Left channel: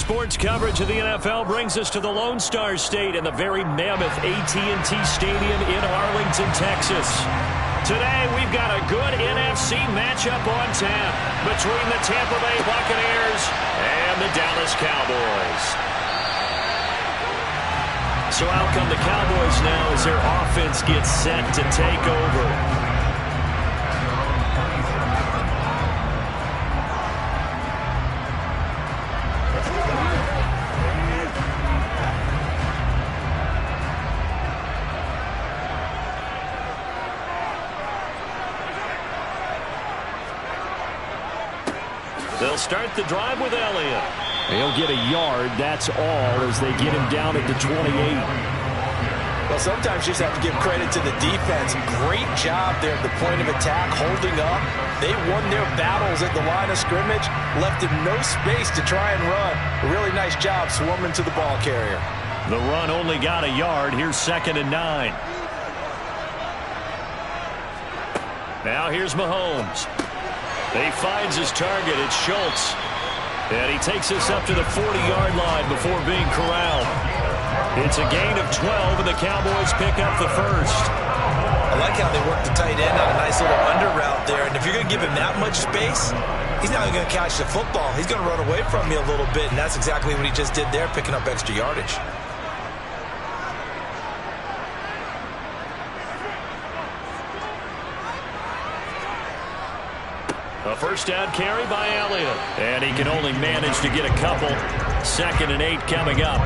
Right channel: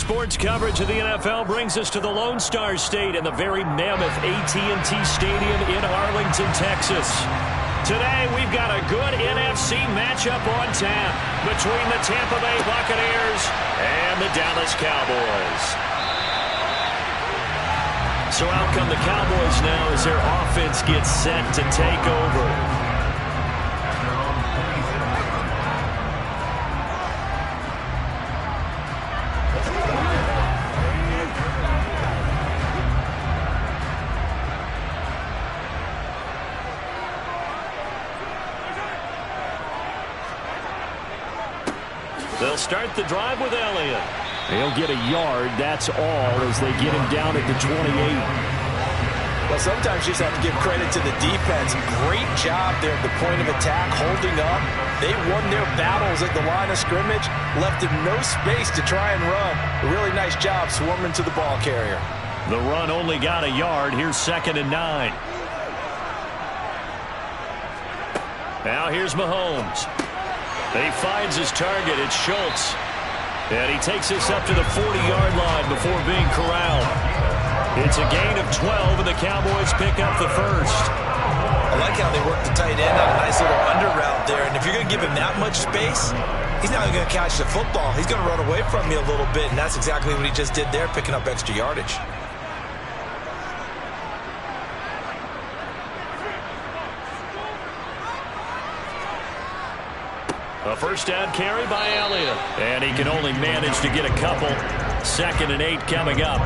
Sports coverage of the NFL brings us to the Lone Star State and the very mammoth AT&T Stadium in Arlington, Texas. Today, we've got a good NFC matchup on tap between the Tampa Bay Buccaneers and the Dallas Cowboys. So out come the Cowboys now as their offense gets set to take over. They'll start the drive with Elliott. He'll get a yard, that's all, as they get him down at the 28. Well, sometimes you just have to give credit to the defense. Great job there at the point of attack, holding up. They won their battles at the line of scrimmage, left him no space to try and run. A really nice job swarming to the ball carrier. The run only got a yard. Here's 2nd and 9. Now here's Mahomes. He finds his target. It's Schultz. And he takes us up to the 40-yard line before being corralled. It's a gain of 12, and the Cowboys pick up the first. I like how they work the tight end on a nice little under route there. And if you're going to give him that much space, he's not going to catch the football. He's going to run away from you a little bit, and that's exactly what he just did there, picking up extra yardage. A first down carry by Elliott. And he can only manage to get a couple. 2nd and 8 coming up.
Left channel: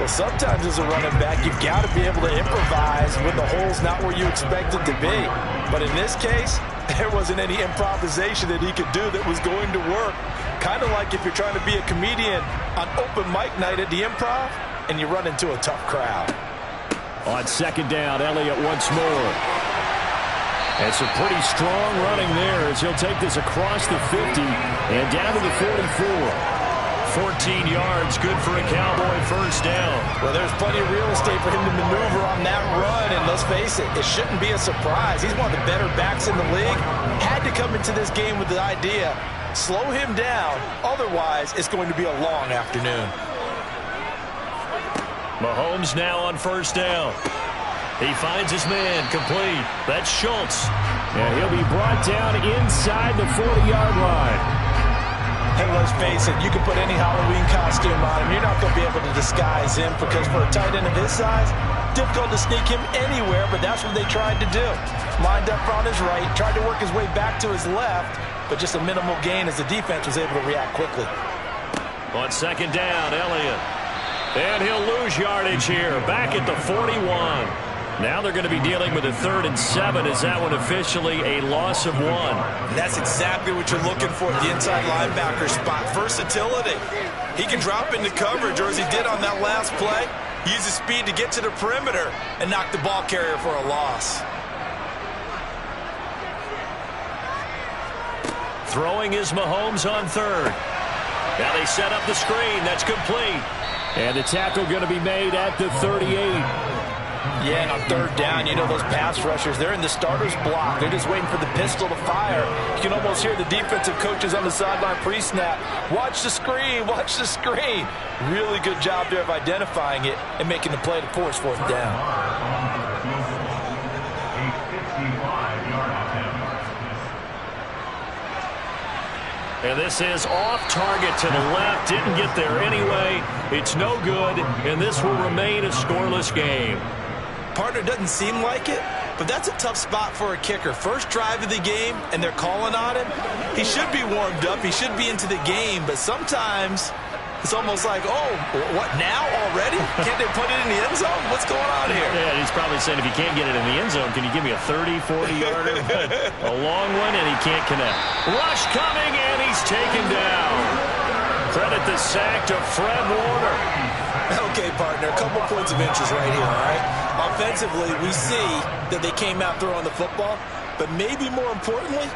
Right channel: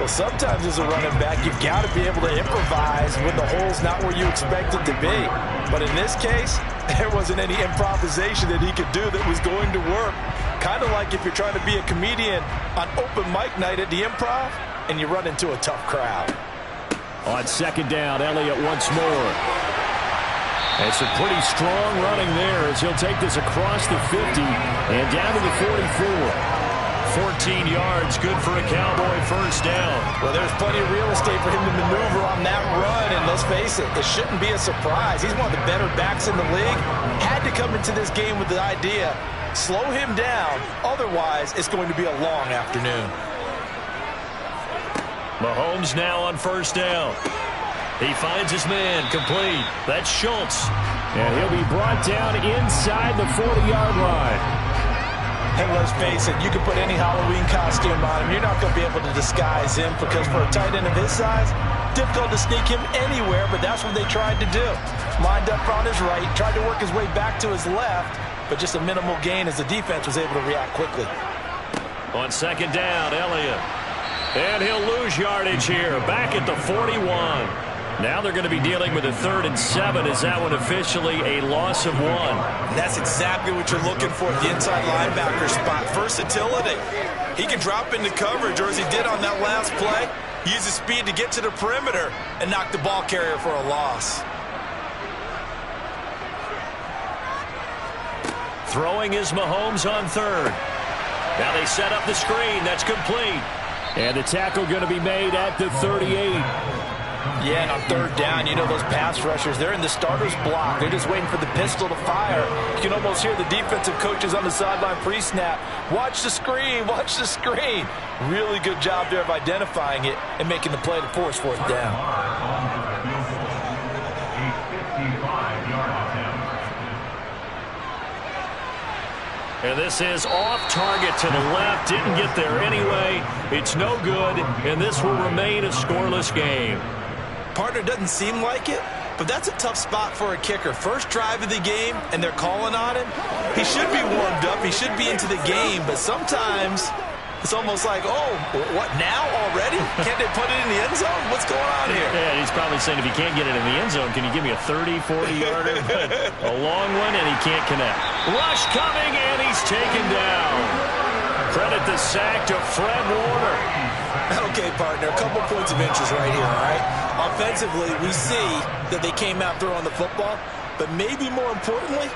Well, sometimes as a running back, you've got to be able to improvise when the hole's not where you expect it to be. But in this case, there wasn't any improvisation that he could do that was going to work. Kind of like if you're trying to be a comedian on open mic night at the Improv and you run into a tough crowd. On 2nd down, Elliott once more. And some pretty strong running there as he'll take this across the 50 and down to the 44. 14 yards, good for a Cowboy first down. Well, there's plenty of real estate for him to maneuver on that run, and let's face it, it shouldn't be a surprise. He's one of the better backs in the league. Had to come into this game with the idea, slow him down, otherwise it's going to be a long afternoon. Mahomes now on first down. He finds his man, complete. That's Schultz. And he'll be brought down inside the 40-yard line. Hey, let's face it, you can put any Halloween costume on him. You're not going to be able to disguise him because for a tight end of his size, difficult to sneak him anywhere, but that's what they tried to do. Lined up on his right, tried to work his way back to his left, but just a minimal gain as the defense was able to react quickly. On 2nd down, Elliott. And he'll lose yardage here, back at the 41. Now they're going to be dealing with a 3rd and 7. Is that one officially a loss of 1? And that's exactly what you're looking for at the inside linebacker spot. Versatility. He can drop into coverage, or as he did on that last play, use his speed to get to the perimeter and knock the ball carrier for a loss. Throwing is Mahomes on 3rd. Now they set up the screen. That's complete. And the tackle going to be made at the 38. Yeah, and on 3rd down, you know those pass rushers, they're in the starter's block. They're just waiting for the pistol to fire. You can almost hear the defensive coaches on the sideline pre-snap. Watch the screen, watch the screen. Really good job there of identifying it and making the play to force 4th down. And this is off target to the left. Didn't get there anyway. It's no good, and this will remain a scoreless game. Partner, doesn't seem like it, but that's a tough spot for a kicker. First drive of the game, and they're calling on him. He should be warmed up. He should be into the game, but sometimes it's almost like, oh, what, now already? Can't they put it in the end zone? What's going on here? Yeah, he's probably saying, if you can't get it in the end zone, can you give me a 30, 40-yarder? But a long one, and he can't connect. Rush coming, and he's taken down. Credit the sack to Fred Warner. Okay, partner, a couple points of interest right here, all right? Offensively, we see that they came out throwing the football, but maybe more importantly,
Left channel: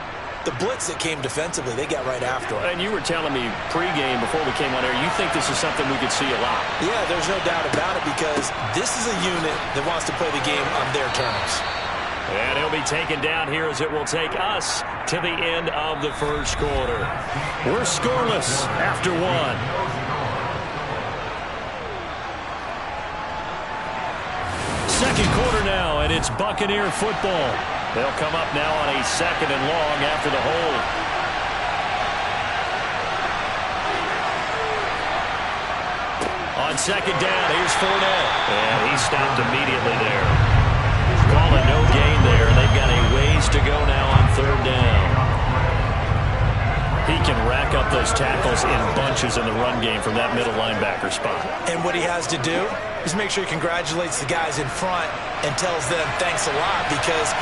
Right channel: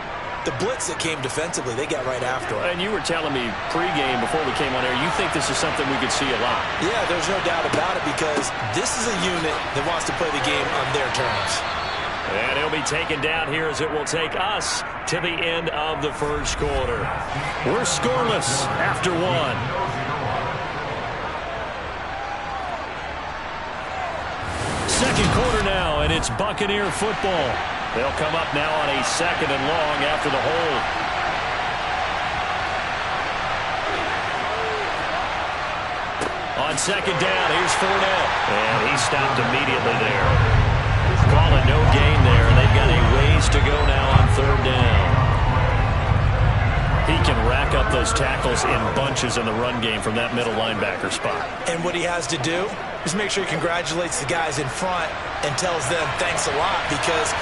the blitz that came defensively, they got right after it. And you were telling me pregame before we came on air, you think this is something we could see a lot. Yeah, there's no doubt about it because this is a unit that wants to play the game on their terms. And he'll be taken down here as it will take us to the end of the first quarter. We're scoreless after 1. second quarter now, and it's Buccaneer football. They'll come up now on a 2nd and long after the hold. On 2nd down, here's Fournette. And he stopped immediately there. Calling no gain there, and they've got a ways to go now on 3rd down. He can rack up those tackles in bunches in the run game from that middle linebacker spot. And what he has to do is make sure he congratulates the guys in front and tells them thanks a lot, because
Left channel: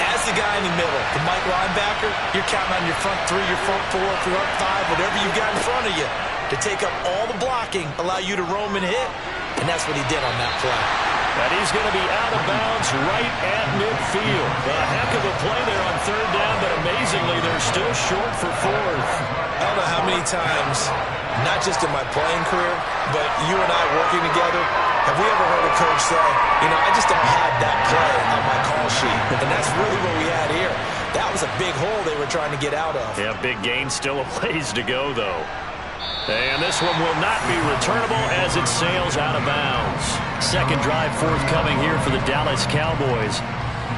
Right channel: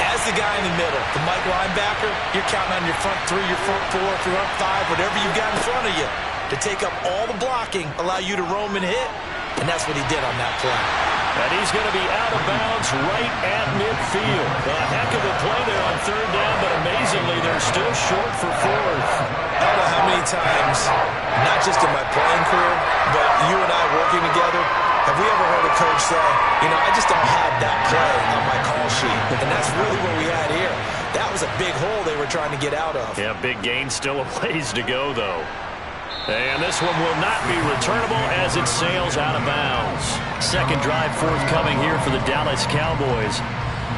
as the guy in the middle, the Mike linebacker, you're counting on your front 3, your front 4, your front 5, whatever you've got in front of you to take up all the blocking, allow you to roam and hit. And that's what he did on that play. And he's going to be out of bounds right at midfield. A heck of a play there on 3rd down, but amazingly, they're still short for 4th. I don't know how many times, not just in my playing career, but you and I working together, have we ever heard a coach say, you know, I just don't have that play on my call sheet. And that's really what we had here. That was a big hole they were trying to get out of. Yeah, big gain, still a ways to go, though. And this one will not be returnable as it sails out of bounds. Second drive forthcoming here for the Dallas Cowboys.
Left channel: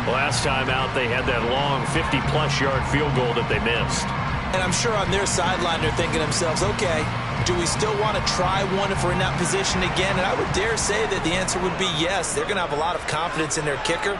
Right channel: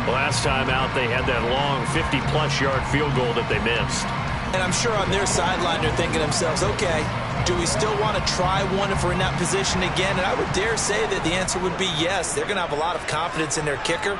Last time out, they had that long 50-plus yard field goal that they missed. And I'm sure on their sideline they're thinking to themselves, okay, do we still want to try one if we're in that position again? And I would dare say that the answer would be yes. They're going to have a lot of confidence in their kicker.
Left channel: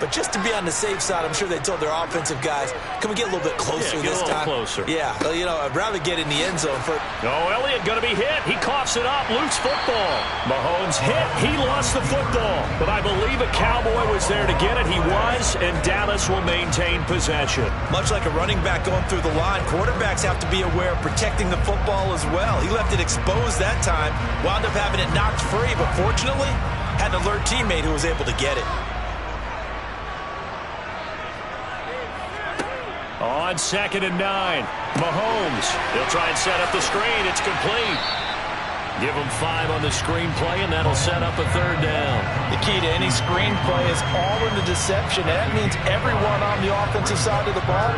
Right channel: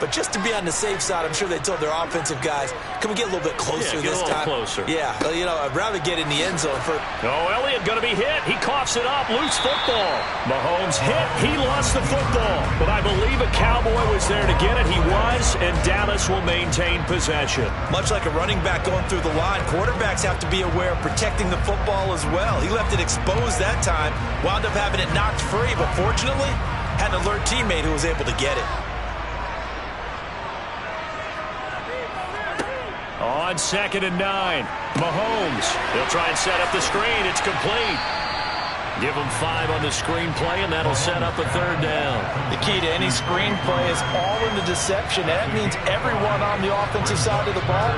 But just to be on the safe side, I'm sure they told their offensive guys, can we get a little bit closer this time? Closer. Yeah, you know, I'd rather get in the end zone for. Oh, Elliott going to be hit. He coughs it up. Loose football. Mahomes hit. He lost the football. But I believe a Cowboy was there to get it. He was, and Dallas will maintain possession. Much like a running back going through the line, quarterbacks have to be aware of protecting the football as well. He left it exposed that time, wound up having it knocked free, but fortunately, had an alert teammate who was able to get it. On 2nd and 9, Mahomes. He'll try and set up the screen. It's complete. Give him 5 on the screen play, and that'll set up a 3rd down. The key to any screen play is all in the deception. That means everyone on the offensive side of the ball.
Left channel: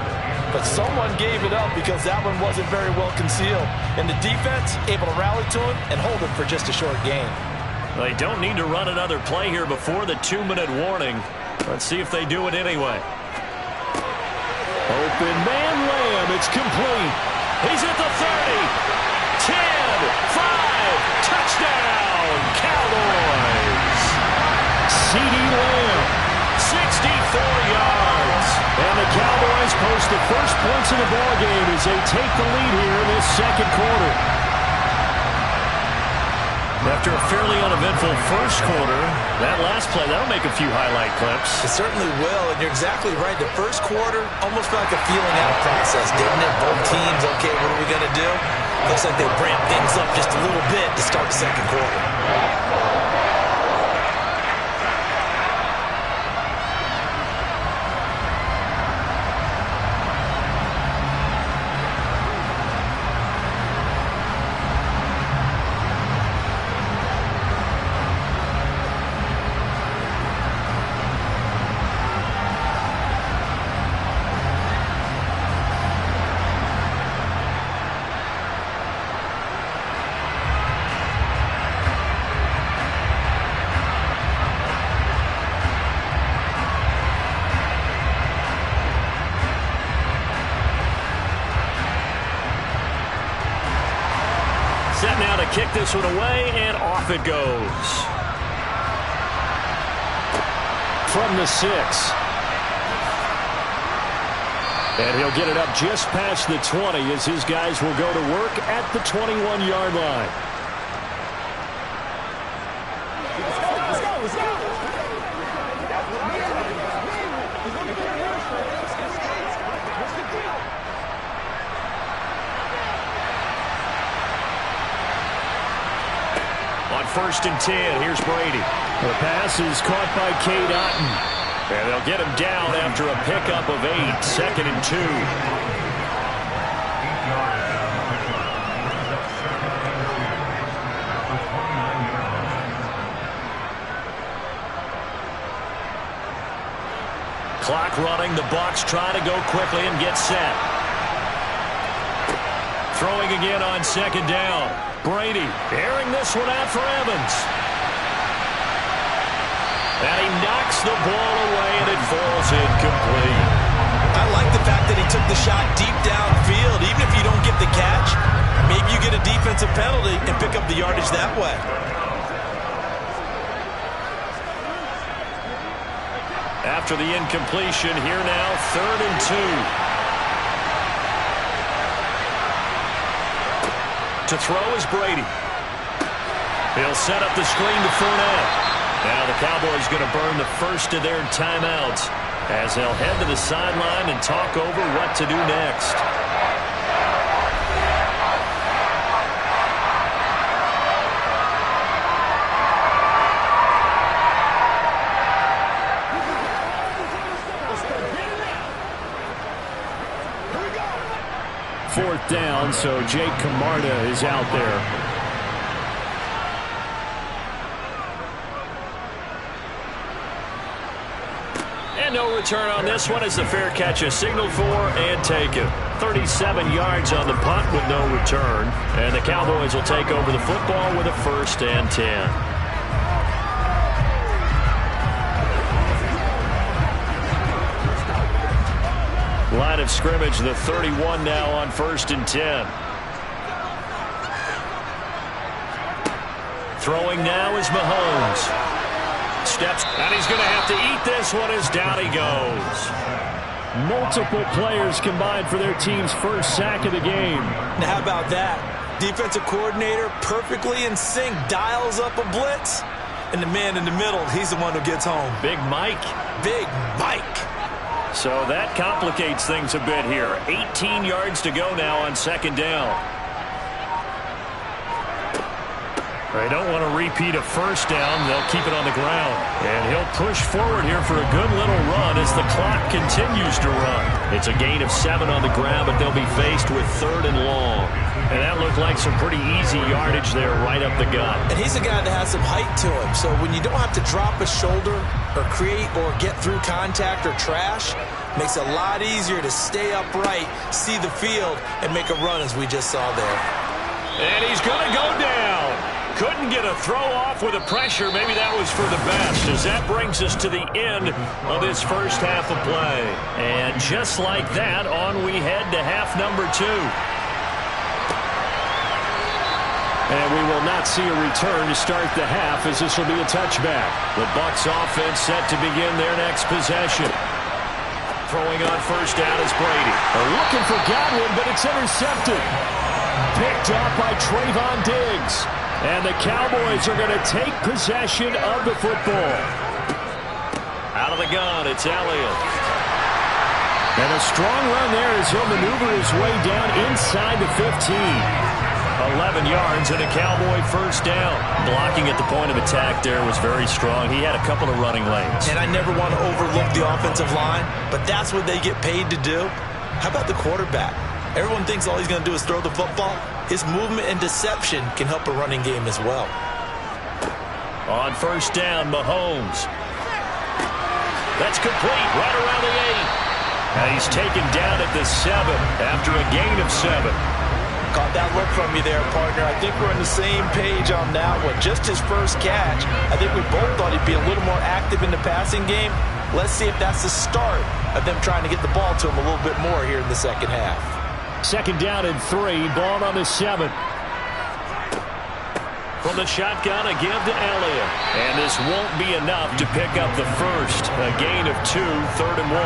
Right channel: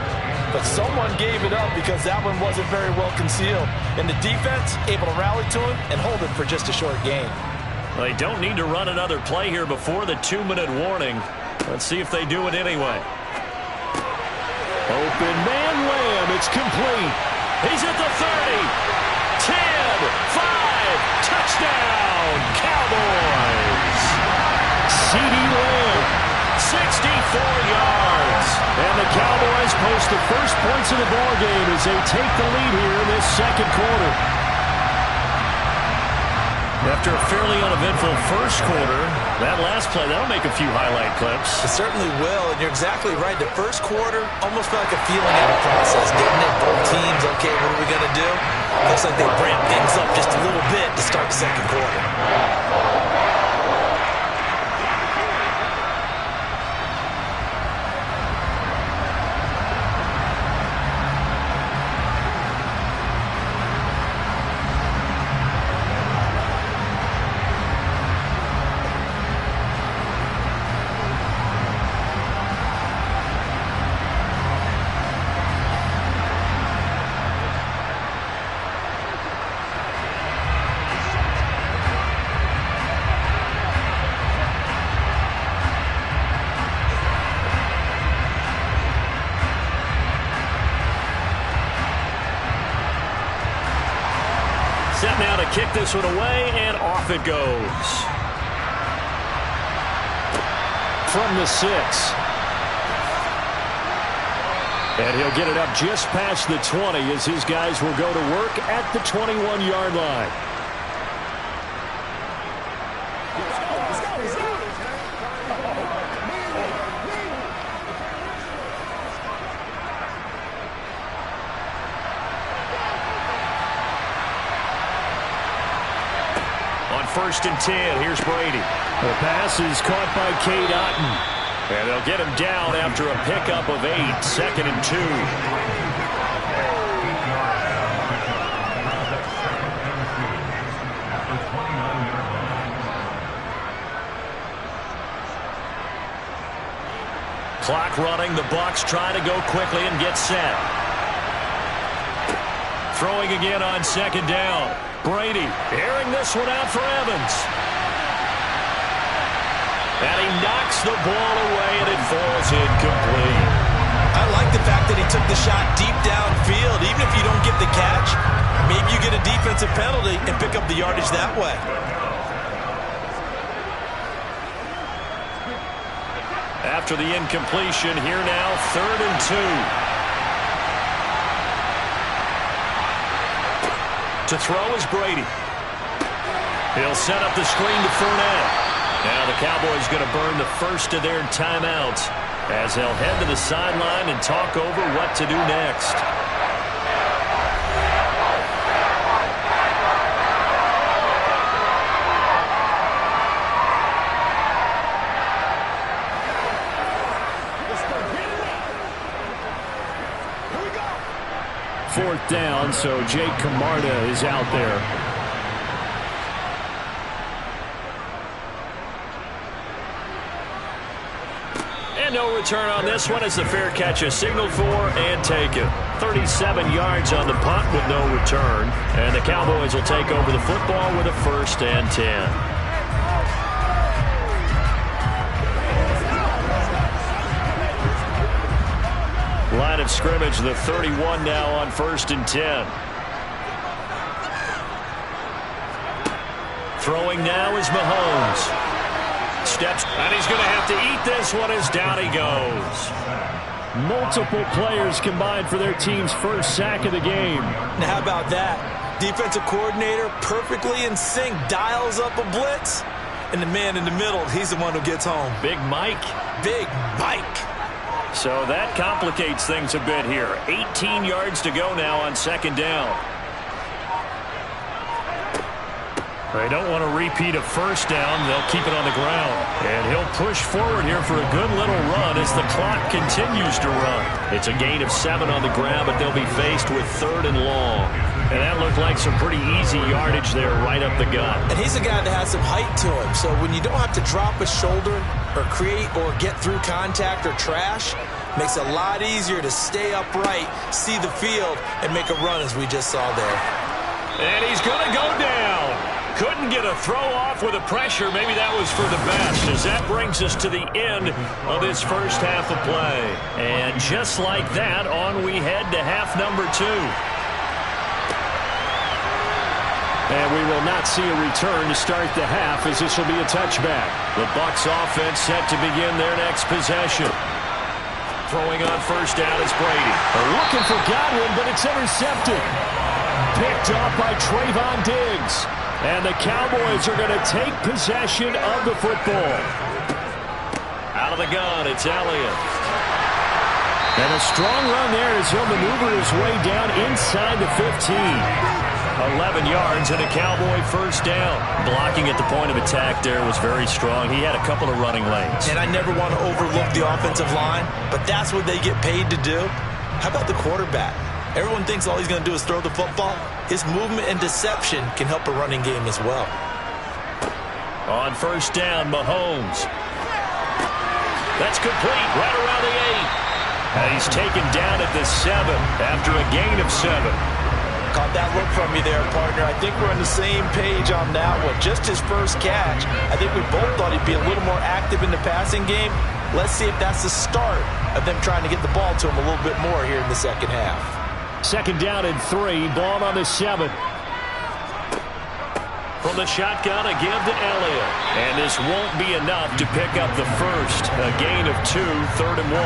But someone gave it up because that one wasn't very well concealed. And the defense able to rally to him and hold him for just a short gain. Well, they don't need to run another play here before the 2-minute warning. Let's see if they do it anyway. Open man Lamb. It's complete. He's at the 30. 10, 5, touchdown, Cowboys. CeeDee Lamb, 64 yards. And the Cowboys post the first points of the ballgame as they take the lead here in this second quarter. After a fairly uneventful first quarter, that last play, that'll make a few highlight clips. It certainly will, and you're exactly right. The first quarter almost felt like a feeling out of process, didn't it? Both teams, okay, what are we going to do? Looks like they ramped things up just a little bit to start the second quarter. Set now to kick this one away, and off it goes. From the 6. And he'll get it up just past the 20 as his guys will go to work at the 21-yard line. On 1st and 10, here's Brady. The pass is caught by Cade Otton. And they'll get him down after a pickup of 8, 2nd and 2. Clock running, the Bucs try to go quickly and get set. Throwing again on 2nd down. Brady airing this one out for Evans. And he knocks the ball away, and it falls incomplete. I like the fact that he took the shot deep downfield. Even if you don't get the catch, maybe you get a defensive penalty and pick up the yardage that way. After the incompletion, here now, 3rd and 2. To throw is Brady. He'll set up the screen to Fournette. Now the Cowboys going to burn the first of their timeouts as they'll head to the sideline and talk over what to do next. Here we go. 4th down, so Jake Camarda is out there. No return on this one as the fair catch is signaled for and taken. 37 yards on the punt with no return. And the Cowboys will take over the football with a 1st and 10. Line of scrimmage, the 31 now on 1st and 10. Throwing now is Mahomes. Steps, and he's going to have to eat this one as down he goes. Multiple players combined for their team's first sack of the game. Now how about that? Defensive coordinator perfectly in sync, dials up a blitz, and the man in the middle, he's the one who gets home. Big Mike. Big Mike. So that complicates things a bit here. 18 yards to go now on 2nd down. They don't want to repeat a 1st down. They'll keep it on the ground. And he'll push forward here for a good little run as the clock continues to run. It's a gain of 7 on the ground, but they'll be faced with 3rd and long. And that looked like some pretty easy yardage there right up the gut. And he's a guy that has some height to him. So when you don't have to drop a shoulder or create or get through contact or trash, makes it a lot easier to stay upright, see the field, and make a run as we just saw there. And he's going to go down. Couldn't get a throw off with the pressure. Maybe that was for the best, as that brings us to the end of this first half of play. And just like that, on we head to half number 2. And we will not see a return to start the half, as this will be a touchback. The Bucs offense set to begin their next possession. Throwing on 1st down is Brady. They're looking for Godwin, but it's intercepted. Picked off by Trayvon Diggs. And the Cowboys are going to take possession of the football. Out of the gun, it's Elliott. And a strong run there as he'll maneuver his way down inside the 15. 11 yards and a Cowboy 1st down. Blocking at the point of attack there was very strong. He had a couple of running lanes. And I never want to overlook the offensive line, but that's what they get paid to do. How about the quarterback? Everyone thinks all he's going to do is throw the football. His movement and deception can help a running game as well. On 1st down, Mahomes. That's complete right around the 8. And he's taken down at the 7 after a gain of 7. Caught that look from you there, partner. I think we're on the same page on that one. Just his first catch. I think we both thought he'd be a little more active in the passing game. Let's see if that's the start of them trying to get the ball to him a little bit more here in the second half. 2nd down and 3. Ball on the 7. From the shotgun, a give to Elliott. And this won't be enough to pick up the first. A gain of 2, 3rd and 1.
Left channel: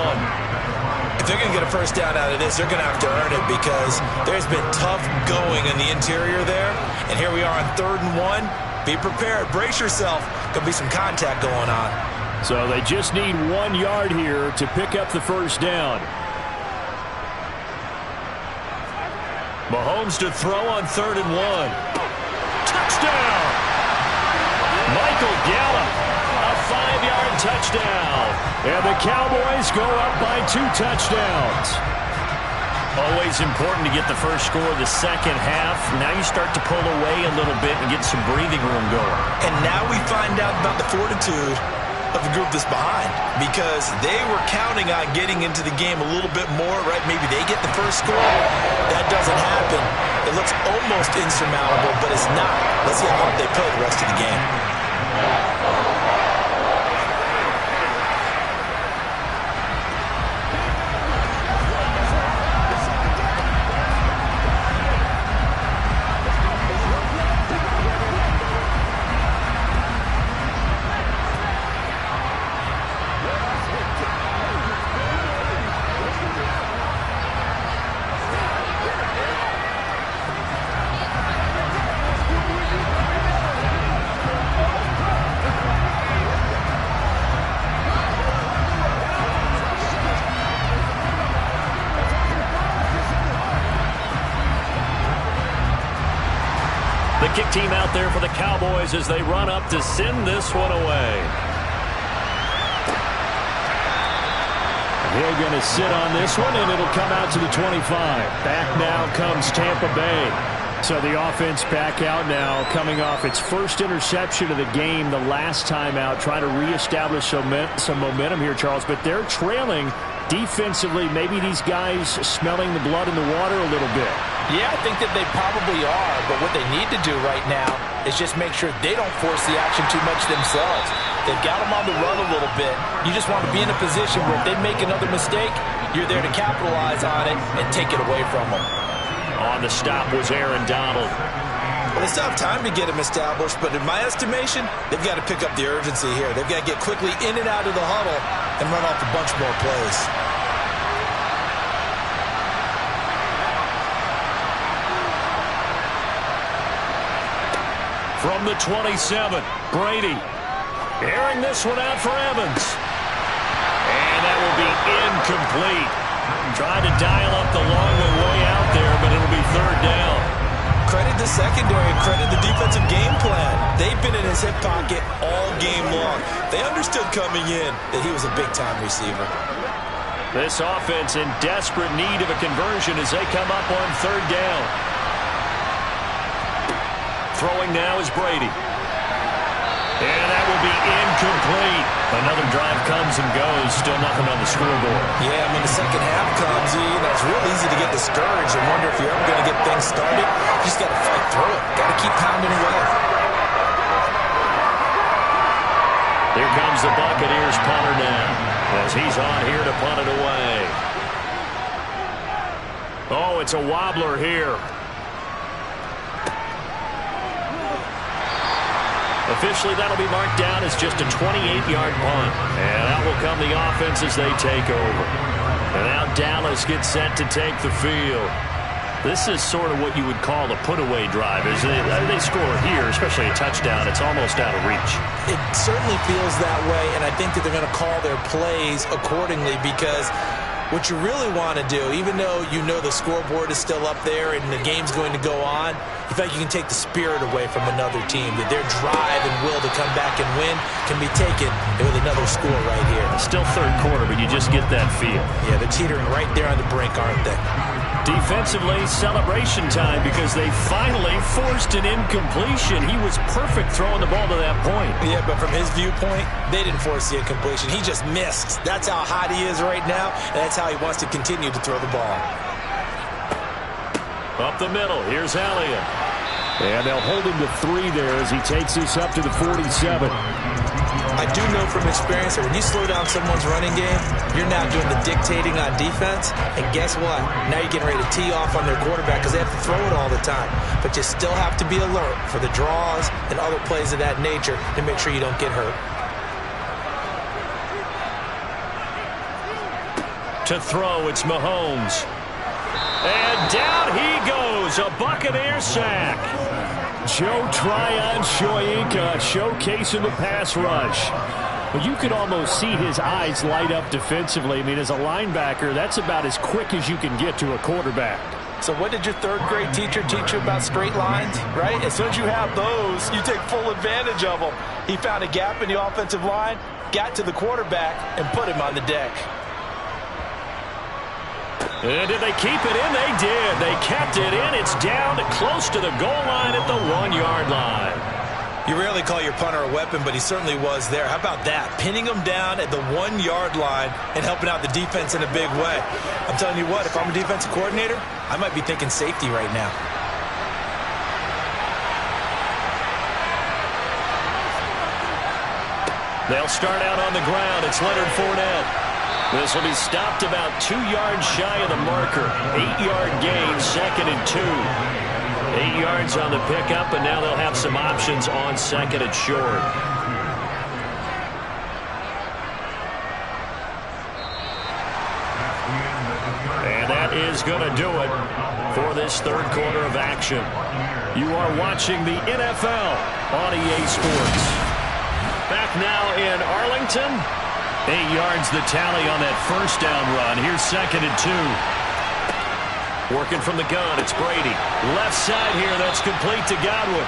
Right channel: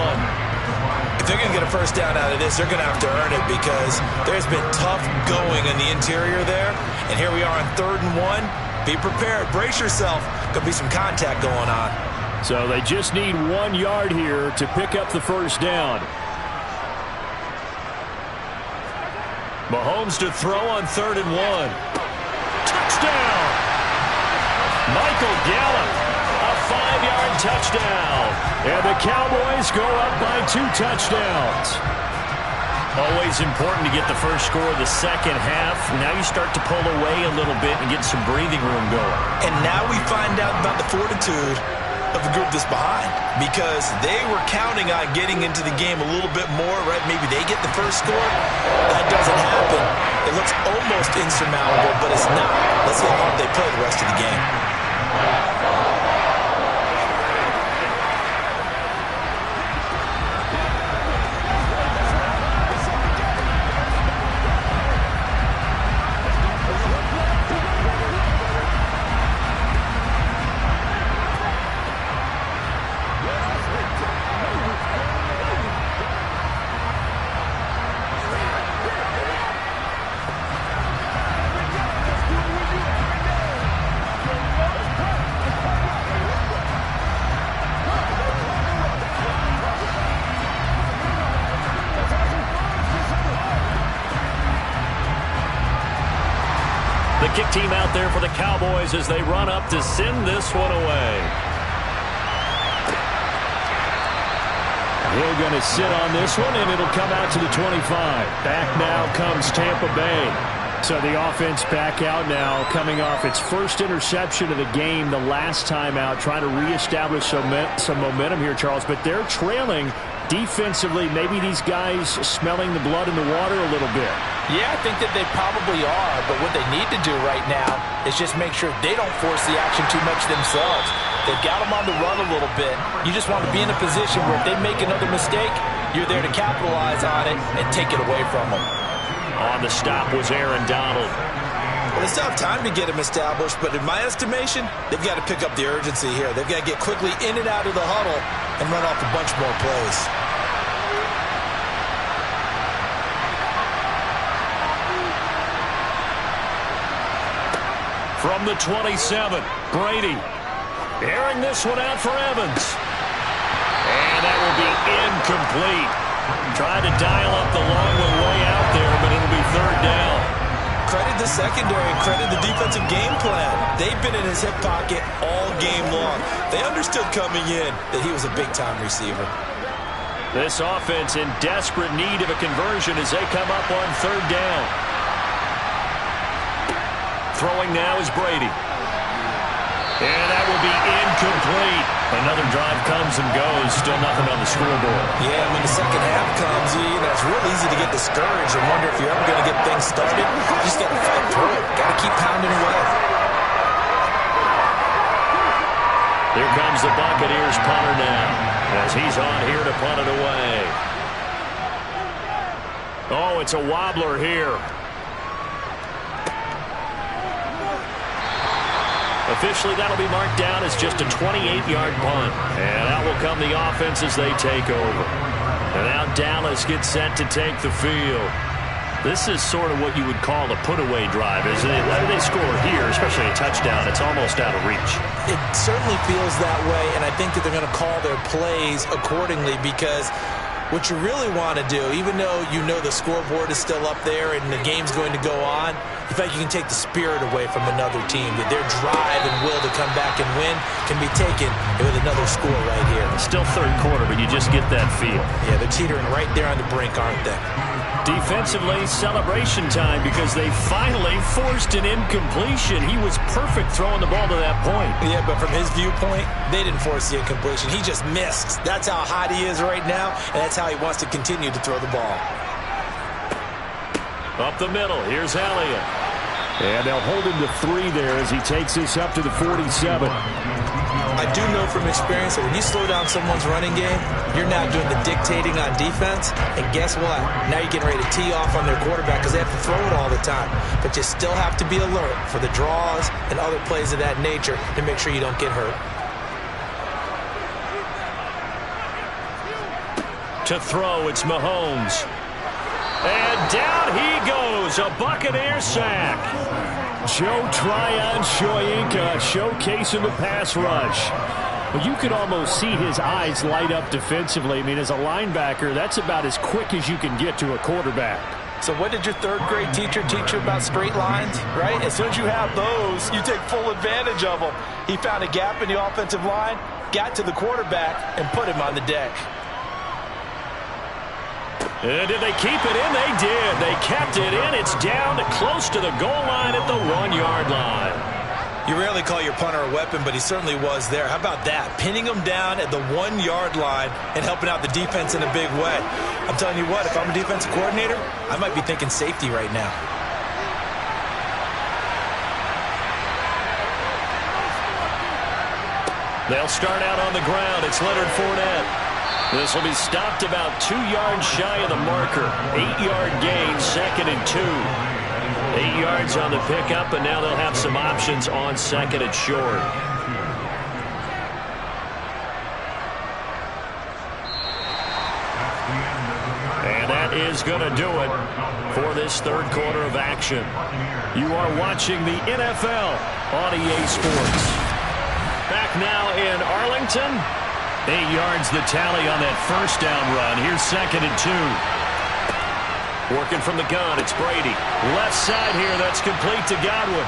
If they're going to get a first down out of this, they're going to have to earn it because there's been tough going in the interior there. And here we are on 3rd and 1. Be prepared. Brace yourself. Going to be some contact going on. So they just need 1 yard here to pick up the first down. Mahomes to throw on 3rd and 1. Touchdown! Michael Gallup, a 5-yard touchdown. And the Cowboys go up by 2 touchdowns. Always important to get the first score of the second half. Now you start to pull away a little bit and get some breathing room going. And now we find out about the fortitude of the group that's behind, because they were counting on getting into the game a little bit more, right? Maybe they get the first score. That doesn't happen. It looks almost insurmountable, but it's not. Let's see how hard they play the rest of the game. kick team out there for the Cowboys as they run up to send this one away. He'll going to sit on this one, and it'll come out to the 25. Back now comes Tampa Bay. So the offense back out now, coming off its first interception of the game the last time out, trying to reestablish some momentum here, Charles. But they're trailing defensively. Maybe these guys smelling the blood in the water a little bit. Yeah, I think that they probably are, but what they need to do right now is just make sure they don't force the action too much themselves. They've got them on the run a little bit. You just want to be in a position where if they make another mistake, you're there to capitalize on it and take it away from them. On the stop was Aaron Donald. Well, they still have time to get him established, but in my estimation, they've got to pick up the urgency here. They've got to get quickly in and out of the huddle and run off a bunch more plays. From the 27, Brady. Airing this one out for Evans. And that will be incomplete. Tried to dial up the long way out there, but it'll be third down. Credit the secondary and credit the defensive game plan. They've been in his hip pocket all game long. They understood coming in that he was a big-time receiver. This offense in desperate need of a conversion as they come up on third down. Throwing now is Brady. And that will be incomplete. Another drive comes and goes. Still nothing on the scoreboard. Yeah, when the second half comes, it's real easy to get discouraged and wonder if you're ever going to get things started. You just got to fight through it. Got to keep pounding away. Here comes the Buccaneers punter now as he's on here to punt it away. Oh, it's a wobbler here. Officially, that'll be marked down as just a 28-yard punt. And out will come the offense as they take over. And now Dallas gets set to take the field. This is sort of what you would call a put-away drive, isn't it? They score here, especially a touchdown. It's almost out of reach. It certainly feels that way, and I think that they're going to call their plays accordingly because what you really want to do, even though you know the scoreboard is still up there and the game's going to go on, you feel like you can take the spirit away from another team, that their drive and will to come back and win can be taken with another score right here. Still third quarter, but you just get that feel. Yeah, they're teetering right there on the brink, aren't they? Defensively, celebration time because they finally forced an incompletion. He was perfect throwing the ball to that point. Yeah, but from his viewpoint, they didn't force the incompletion. He just missed. That's how hot he is right now, and that's how he wants to continue to throw the ball. Up the middle, here's Elliott. And they'll hold him to 3 there as he takes this up to the 47. I do know from experience that when you slow down someone's running game, you're now doing the dictating on defense. And guess what? Now you're getting ready to tee off on their quarterback because they have to throw it all the time. But you still have to be alert for the draws and other plays of that nature to make sure you don't get hurt. To throw, it's Mahomes. And down he goes, a Buccaneer sack. Joe Tryon-Shoyinka showcasing the pass rush. Well, you could almost see his eyes light up defensively. I mean, as a linebacker, that's about as quick as you can get to a quarterback. So what did your third-grade teacher teach you about straight lines, right? As soon as you have those, you take full advantage of them. He found a gap in the offensive line, got to the quarterback, and put him on the deck. And did they keep it in? They did. They kept it in. It's down to close to the goal line at the 1-yard line. You rarely call your punter a weapon, but he certainly was there. How about that? Pinning him down at the 1-yard line and helping out the defense in a big way. I'm telling you what, if I'm a defensive coordinator, I might be thinking safety right now. They'll start out on the ground. It's Leonard Fournette. This will be stopped about 2 yards shy of the marker. 8-yard gain, 2nd and 2. 8 yards on the pickup, and now they'll have some options on 2nd and short. And that is going to do it for this third quarter of action. You are watching the NFL on EA Sports. Back now in Arlington. 8 yards the tally on that first down run. Here's 2nd and 2. Working from the gun, it's Brady. Left side here, that's complete to Godwin.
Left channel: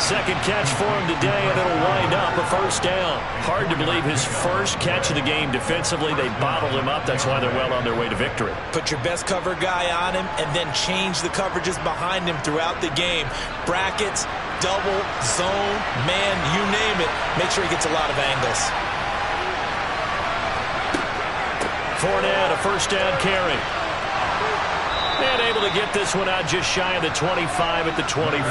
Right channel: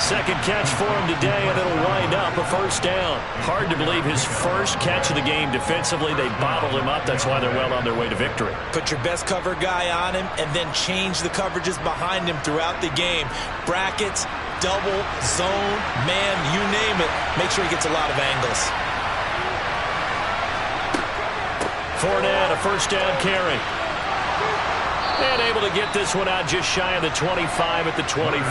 Second catch for him today, and it'll wind up a first down. Hard to believe his first catch of the game defensively. They bottled him up. That's why they're well on their way to victory. Put your best cover guy on him, and then change the coverages behind him throughout the game. Brackets, double, zone, man, you name it. Make sure he gets a lot of angles. Fournette, a first down carry. And able to get this one out just shy of the 25 at the 24.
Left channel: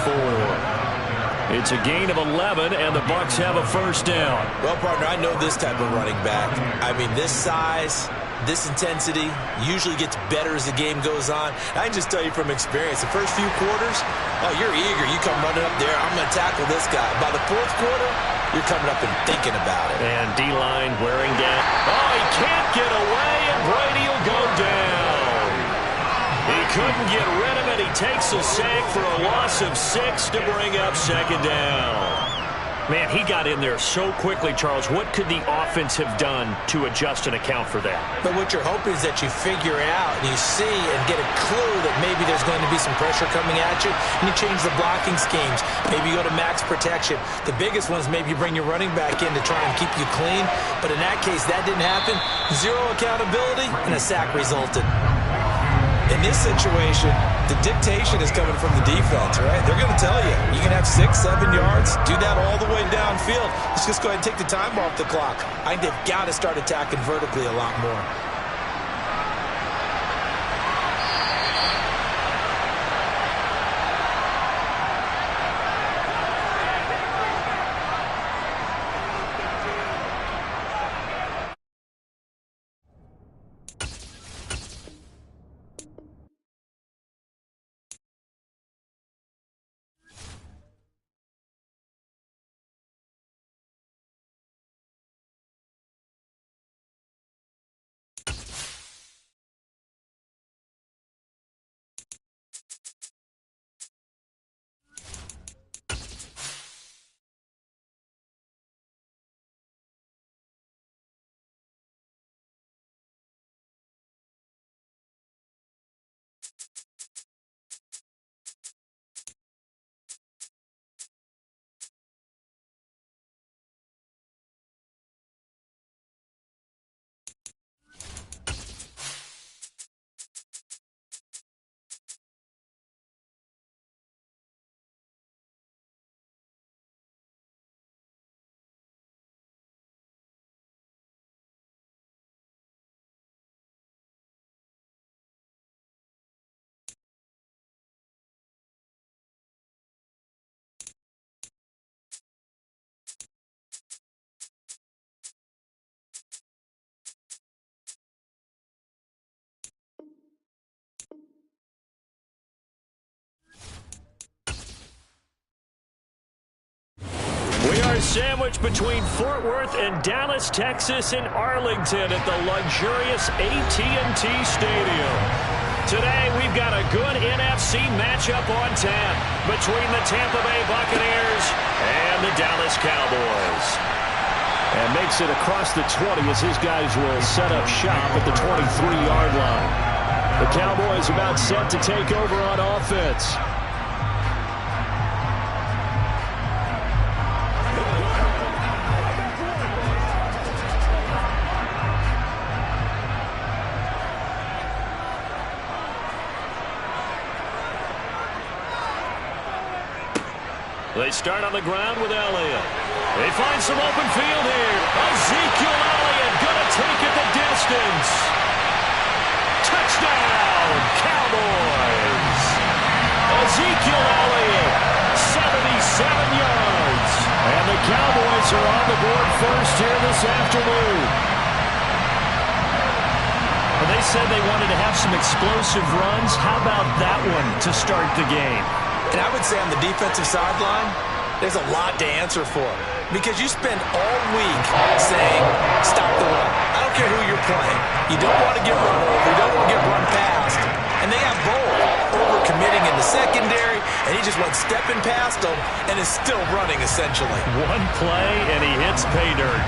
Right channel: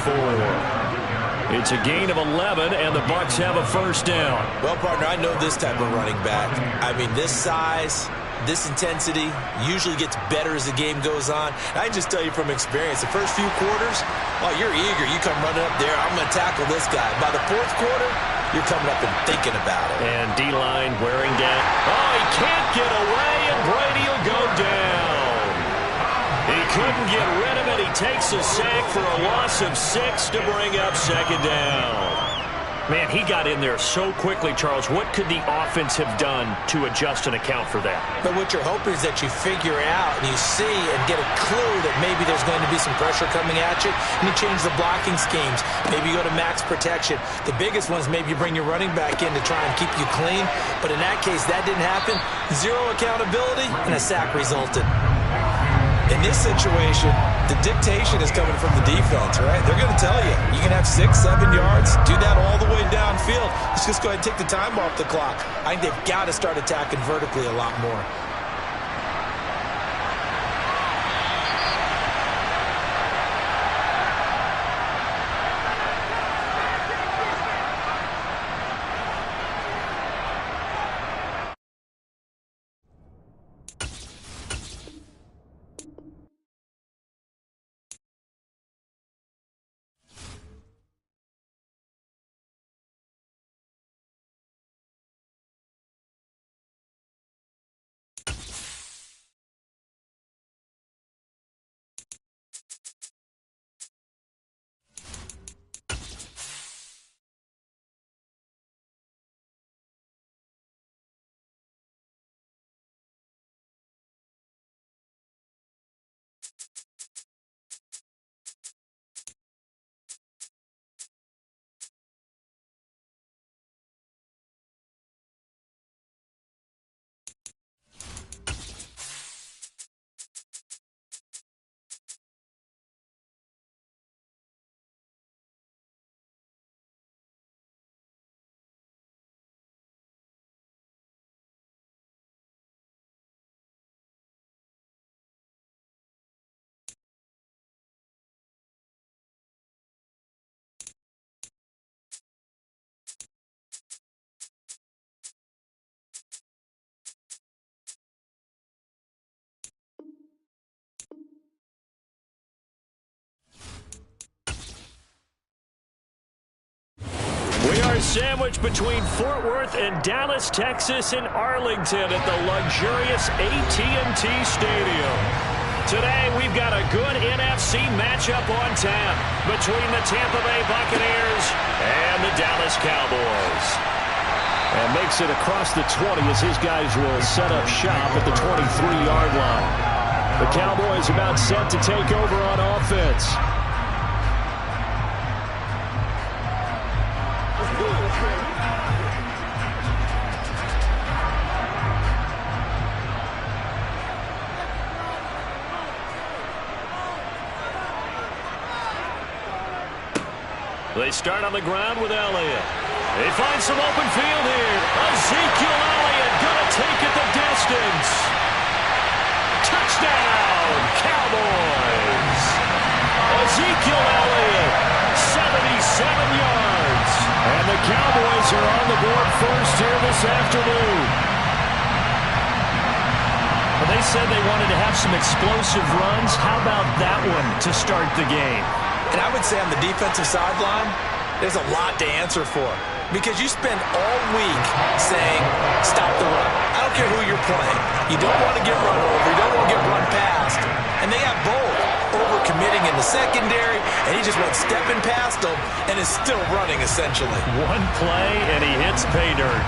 It's a gain of 11, and the Bucs have a first down. Well, partner, I know this type of running back. I mean, this size, this intensity usually gets better as the game goes on. I can just tell you from experience, the first few quarters, oh, you're eager. You come running up there, I'm going to tackle this guy. By the fourth quarter, you're coming up and thinking about it. And D-line wearing down. Oh, he can't get away, and Brady will go down. He couldn't get rid of it. He takes a sack for a loss of 6 to bring up second down. Man, he got in there so quickly, Charles. What could the offense have done to adjust and account for that? But what you're hoping is that you figure out and you see and get a clue that maybe there's going to be some pressure coming at you, and you change the blocking schemes. Maybe you go to max protection. The biggest one is maybe you bring your running back in to try and keep you clean. But in that case, that didn't happen. Zero accountability, and a sack resulted. In this situation, the dictation is coming from the defense, right? They're going to tell you, you can have 6, 7 yards, do that all the way downfield. Let's just go ahead and take the time off the clock. I think they've got to start attacking vertically a lot more. We are sandwiched between Fort Worth and Dallas, Texas, and Arlington at the luxurious AT&T Stadium. Today, we've got a good NFC matchup on tap between the Tampa Bay Buccaneers and the Dallas Cowboys. And makes it across the 20 as his guys will set up shop at the 23-yard line. The Cowboys about set to take over on offense. They start on the ground with Elliott. They find some open field here. Ezekiel Elliott going to take it the distance. Touchdown, Cowboys. Ezekiel Elliott, 77 yards. And the Cowboys are on the board first here this afternoon. Well, they said they wanted to have some explosive runs. How about that one to start the game? And I would say on the defensive sideline, there's a lot to answer for. Because you spend all week saying, stop the run. I don't care who you're playing. You don't want to get run over. You don't want to get run past. And they have both. Over-committing in the secondary, and he just went stepping past them and is still running, essentially. One play, and he hits pay dirt.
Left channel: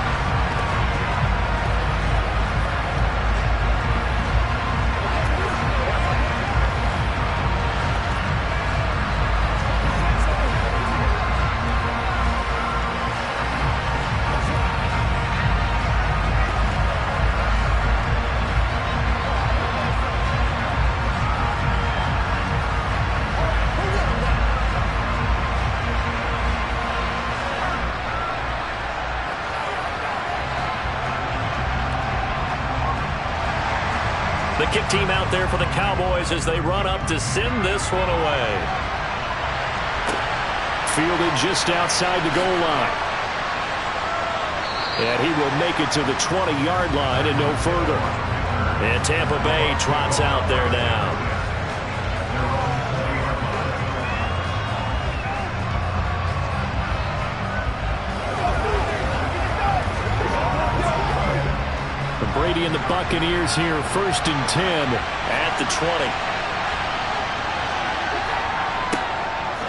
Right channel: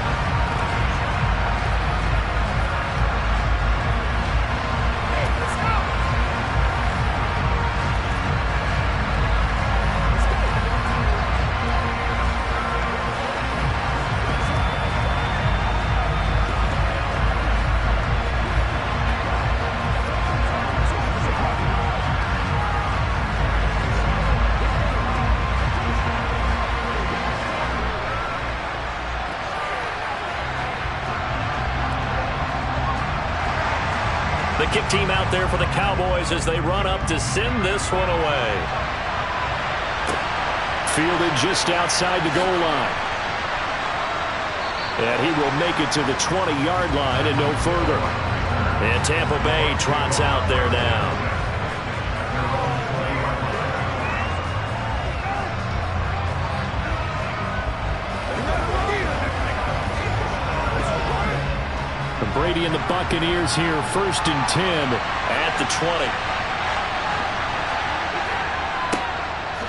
The kick team out there for the Cowboys as they run up to send this one away. Fielded just outside the goal line. And he will make it to the 20-yard line and no further. And Tampa Bay trots out there now. Brady and the Buccaneers here, 1st and 10 at the 20.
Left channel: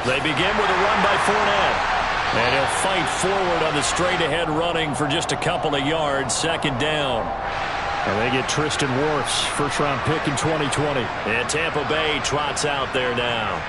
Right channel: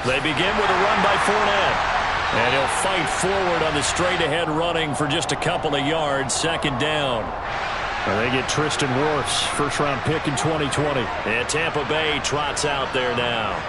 They begin with a run by Fournette. And he'll fight forward on the straight-ahead running for just a couple of yards, 2nd down. And they get Tristan Wirfs, first-round pick in 2020. And Tampa Bay trots out there now.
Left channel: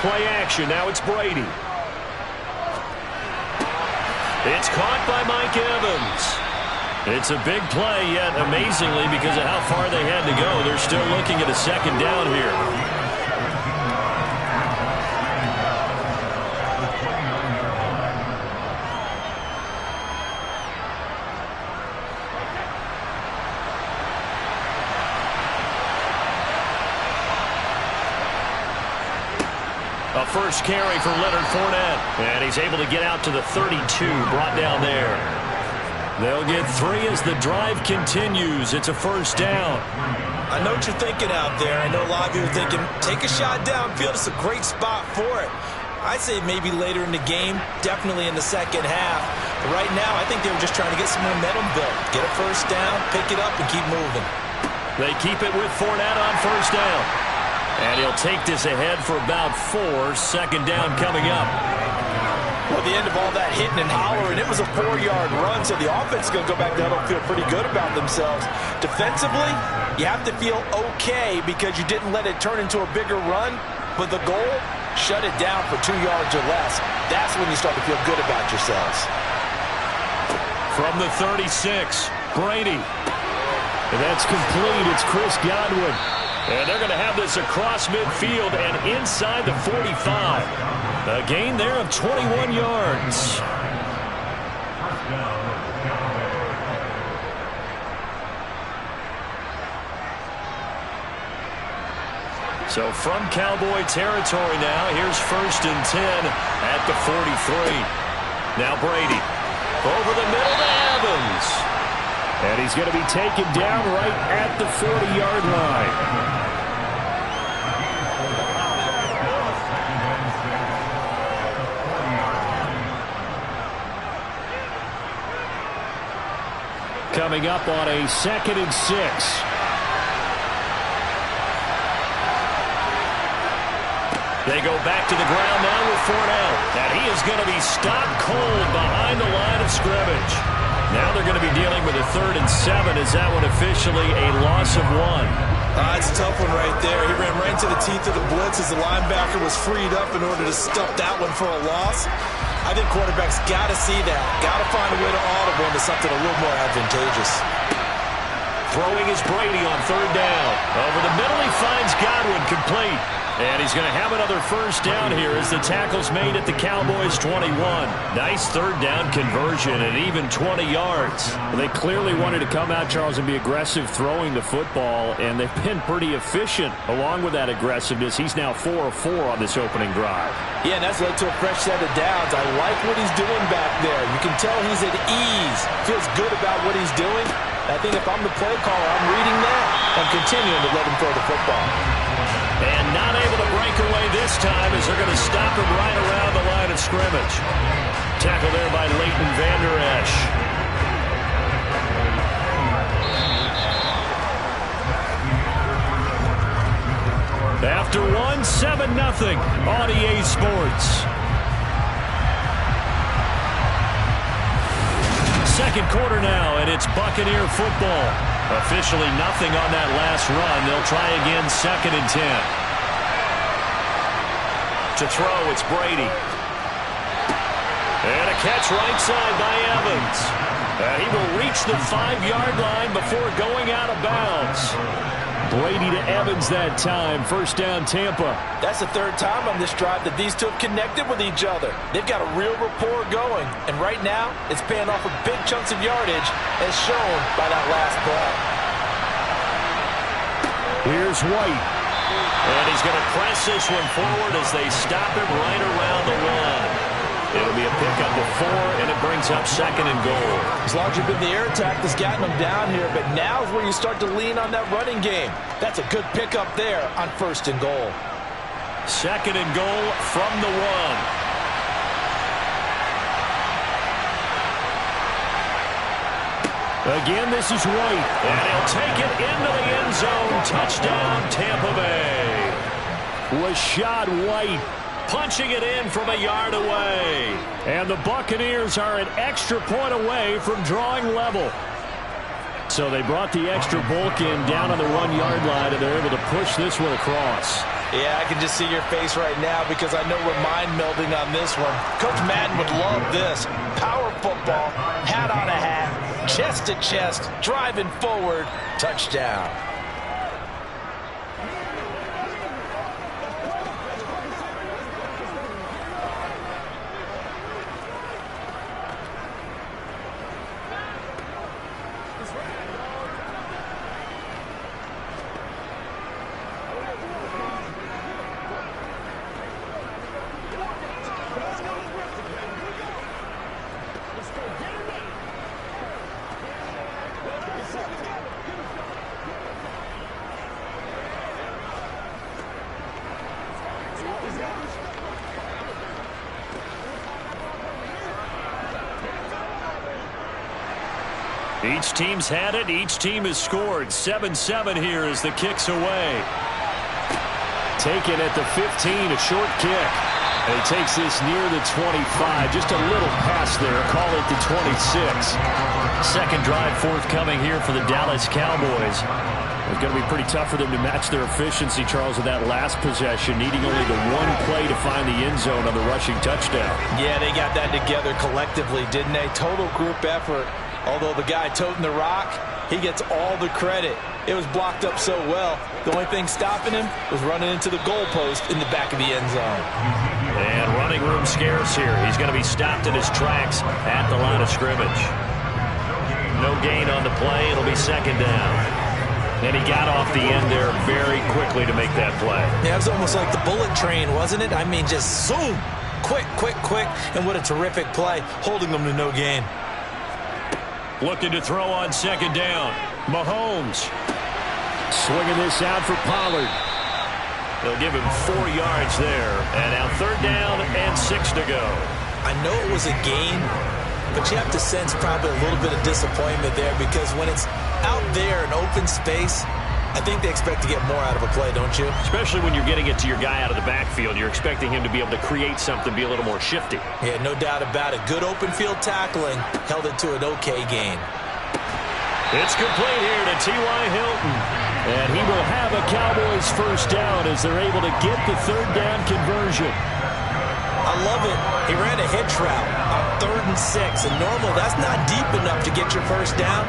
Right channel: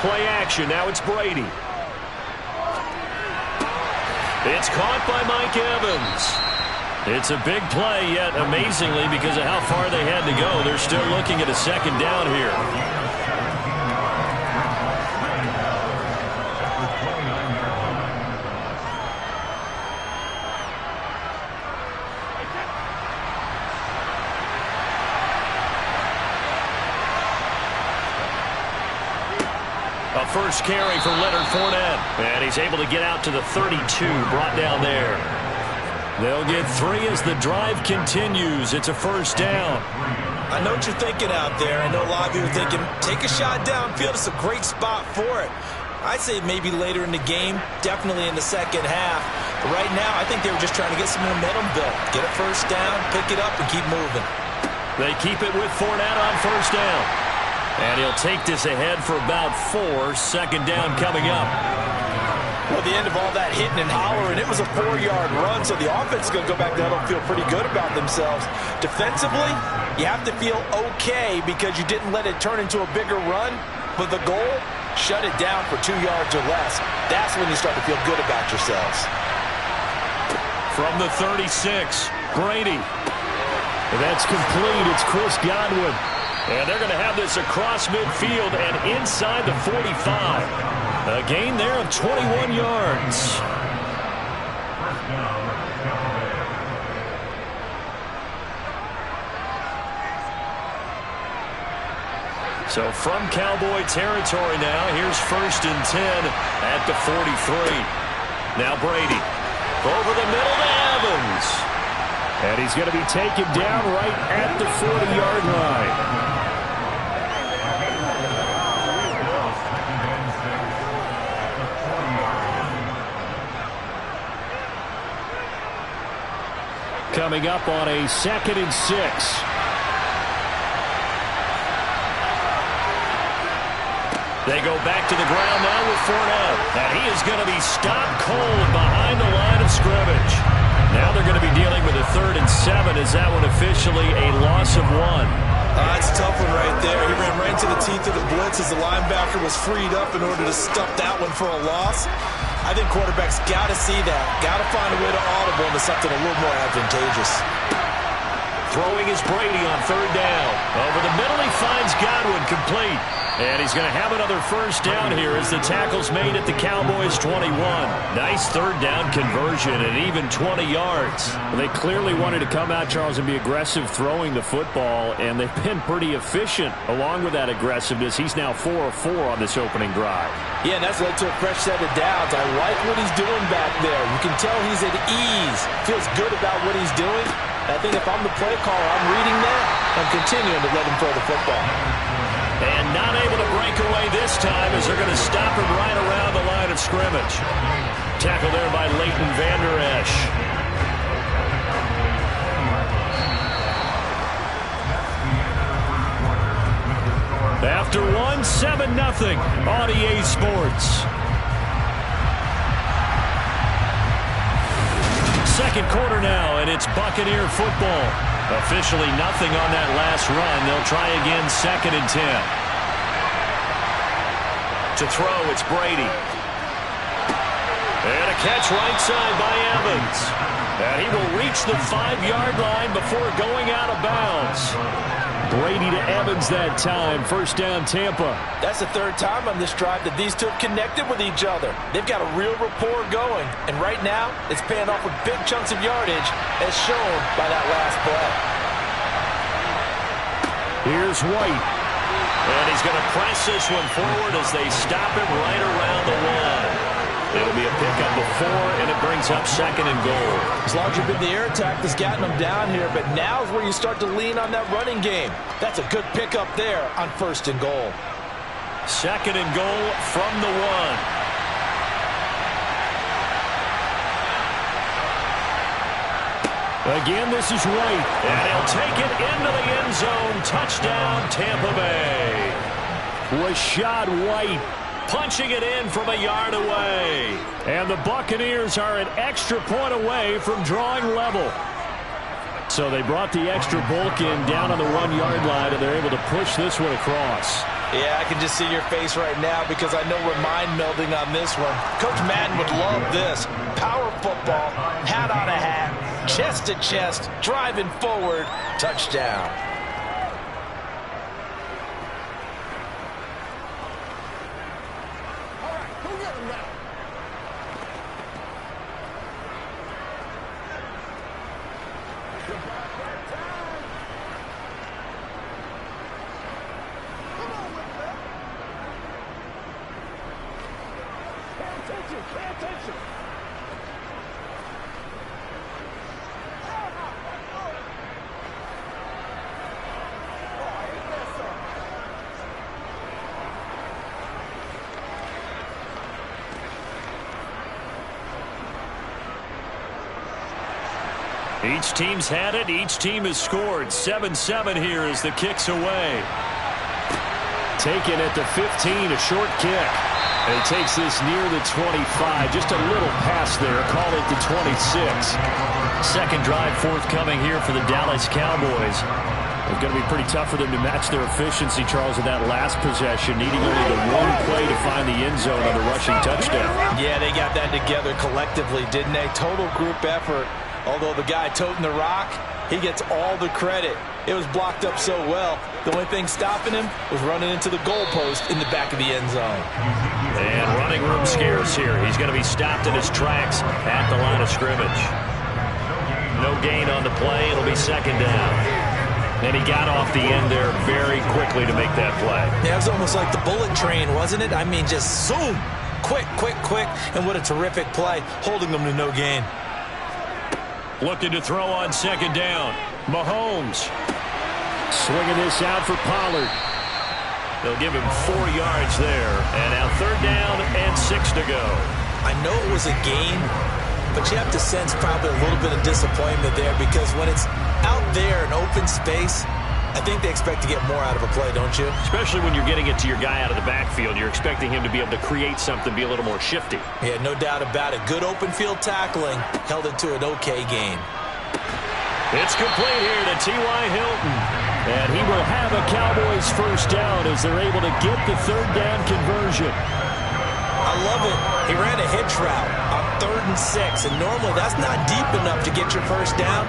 Play action. Now it's Brady. It's caught by Mike Evans. It's a big play, yet amazingly, because of how far they had to go, they're still looking at a 2nd down here. A first carry for Leonard Fournette. And he's able to get out to the 32, brought down there. They'll get 3 as the drive continues. It's a 1st down. I know what you're thinking out there. I know a lot of you are thinking, take a shot downfield. It's a great spot for it. I'd say maybe later in the game, definitely in the 2nd half. But right now, I think they were just trying to get some momentum built. Get a 1st down, pick it up, and keep moving. They keep it with Fournette on 1st down. And he'll take this ahead for about 4. 2nd down coming up. Well, at the end of all that hitting and hollering, it was a 4-yard run, so the offense is going to go back to huddle and feel pretty good about themselves. Defensively, you have to feel okay because you didn't let it turn into a bigger run, but the goal, shut it down for 2 yards or less. That's when you start to feel good about yourselves. From the 36, Brady. And that's complete. It's Chris Godwin. And they're going to have this across midfield and inside the 45. A gain there of 21 yards. So from Cowboy territory now, here's 1st and 10 at the 43. Now Brady over the middle to Evans. And he's going to be taken down right at the 40-yard line. Coming up on a 2nd and 6. They go back to the ground now with Fournette. And he is going to be stopped cold behind the line of scrimmage. Now they're going to be dealing with a 3rd and 7. Is that one officially a loss of 1? It's a tough one right there. He ran right into the teeth of the blitz as the linebacker was freed up in order to stuff that one for a loss. I think quarterbacks got to see that. Got to find a way to audible into something a little more advantageous. Throwing is Brady on 3rd down. Over the middle, he finds Godwin complete. And he's going to have another 1st down here as the tackle's made at the Cowboys' 21. Nice 3rd down conversion and even 20 yards. Well, they clearly wanted to come out, Charles, and be aggressive throwing the football, and they've been pretty efficient along with that aggressiveness. He's now 4 of 4 on this opening drive. Yeah, and that's led to a fresh set of downs. I like what he's doing back there. You can tell he's at ease. Feels good about what he's doing. I think if I'm the play caller, I'm reading that. I'm continuing to let him throw the football. And not able to break away this time as they're going to stop him right around the line of scrimmage. Tackle there by Leighton Vander Esch. After 1, 7-0 on EA Sports. Second quarter now, and it's Buccaneer football. Officially nothing on that last run. They'll try again 2nd and 10. To throw, it's Brady. And a catch right side by Evans. And he will reach the 5-yard line before going out of bounds. Brady to Evans that time. First down, Tampa. That's the third time on this drive that these two have connected with each other. They've got a real rapport going, and right now it's paying off with big chunks of yardage, as shown by that last play. Here's White. And he's going to press this one forward as they stop him right around the one. It'll be a pickup of 4, and it brings up 2nd and goal. As long as you've been the air attack that's gotten them down here, but now's where you start to lean on that running game. That's a good pickup there on 1st and goal. 2nd and goal from the 1. Again, this is White. And he'll take it into the end zone. Touchdown, Tampa Bay. Rachaad White punching it in from a yard away. And the Buccaneers are an extra point away from drawing level. So they brought the extra bulk in down on the 1-yard line, and they're able to push this one across. Yeah, I can just see your face right now because I know we're mind melding on this one. Coach Madden would love this. Power football, hat on a hat, chest to chest, driving forward, touchdown. Each team's had it. Each team has scored. 7-7 here as the kick's away. Taken at the 15, a short kick. And he takes this near the 25. Just a little pass there. Call it the 26. Second drive forthcoming here for the Dallas Cowboys. It's going to be pretty tough for them to match their efficiency, Charles, in that last possession, needing only the one play to find the end zone on the rushing touchdown. Yeah, they got that together collectively, didn't they? Total group effort. Although the guy toting the rock, he gets all the credit. It was blocked up so well. The only thing stopping him was running into the goalpost in the back of the end zone. And running room scarce here. He's going to be stopped in his tracks at the line of scrimmage. No gain on the play. It'll be 2nd down. And he got off the end there very quickly to make that play. Yeah, it was almost like the bullet train, wasn't it? I mean, just zoom. Quick, quick, quick. And what a terrific play, holding them to no gain. Looking to throw on 2nd down. Mahomes. Swinging this out for Pollard. They'll give him 4 yards there. And now 3rd down and 6 to go. I know it was a gain, but you have to sense probably a little bit of disappointment there because when it's out there in open space, I think they expect to get more out of a play, don't you? Especially when you're getting it to your guy out of the backfield. You're expecting him to be able to create something, be a little more shifty. Yeah, no doubt about it. Good open field tackling held it to an okay gain. It's complete here to T.Y. Hilton. And he will have a Cowboys first down as they're able to get the 3rd down conversion. I love it. He ran a hitch route on 3rd and 6, and normally that's not deep enough to get your first down.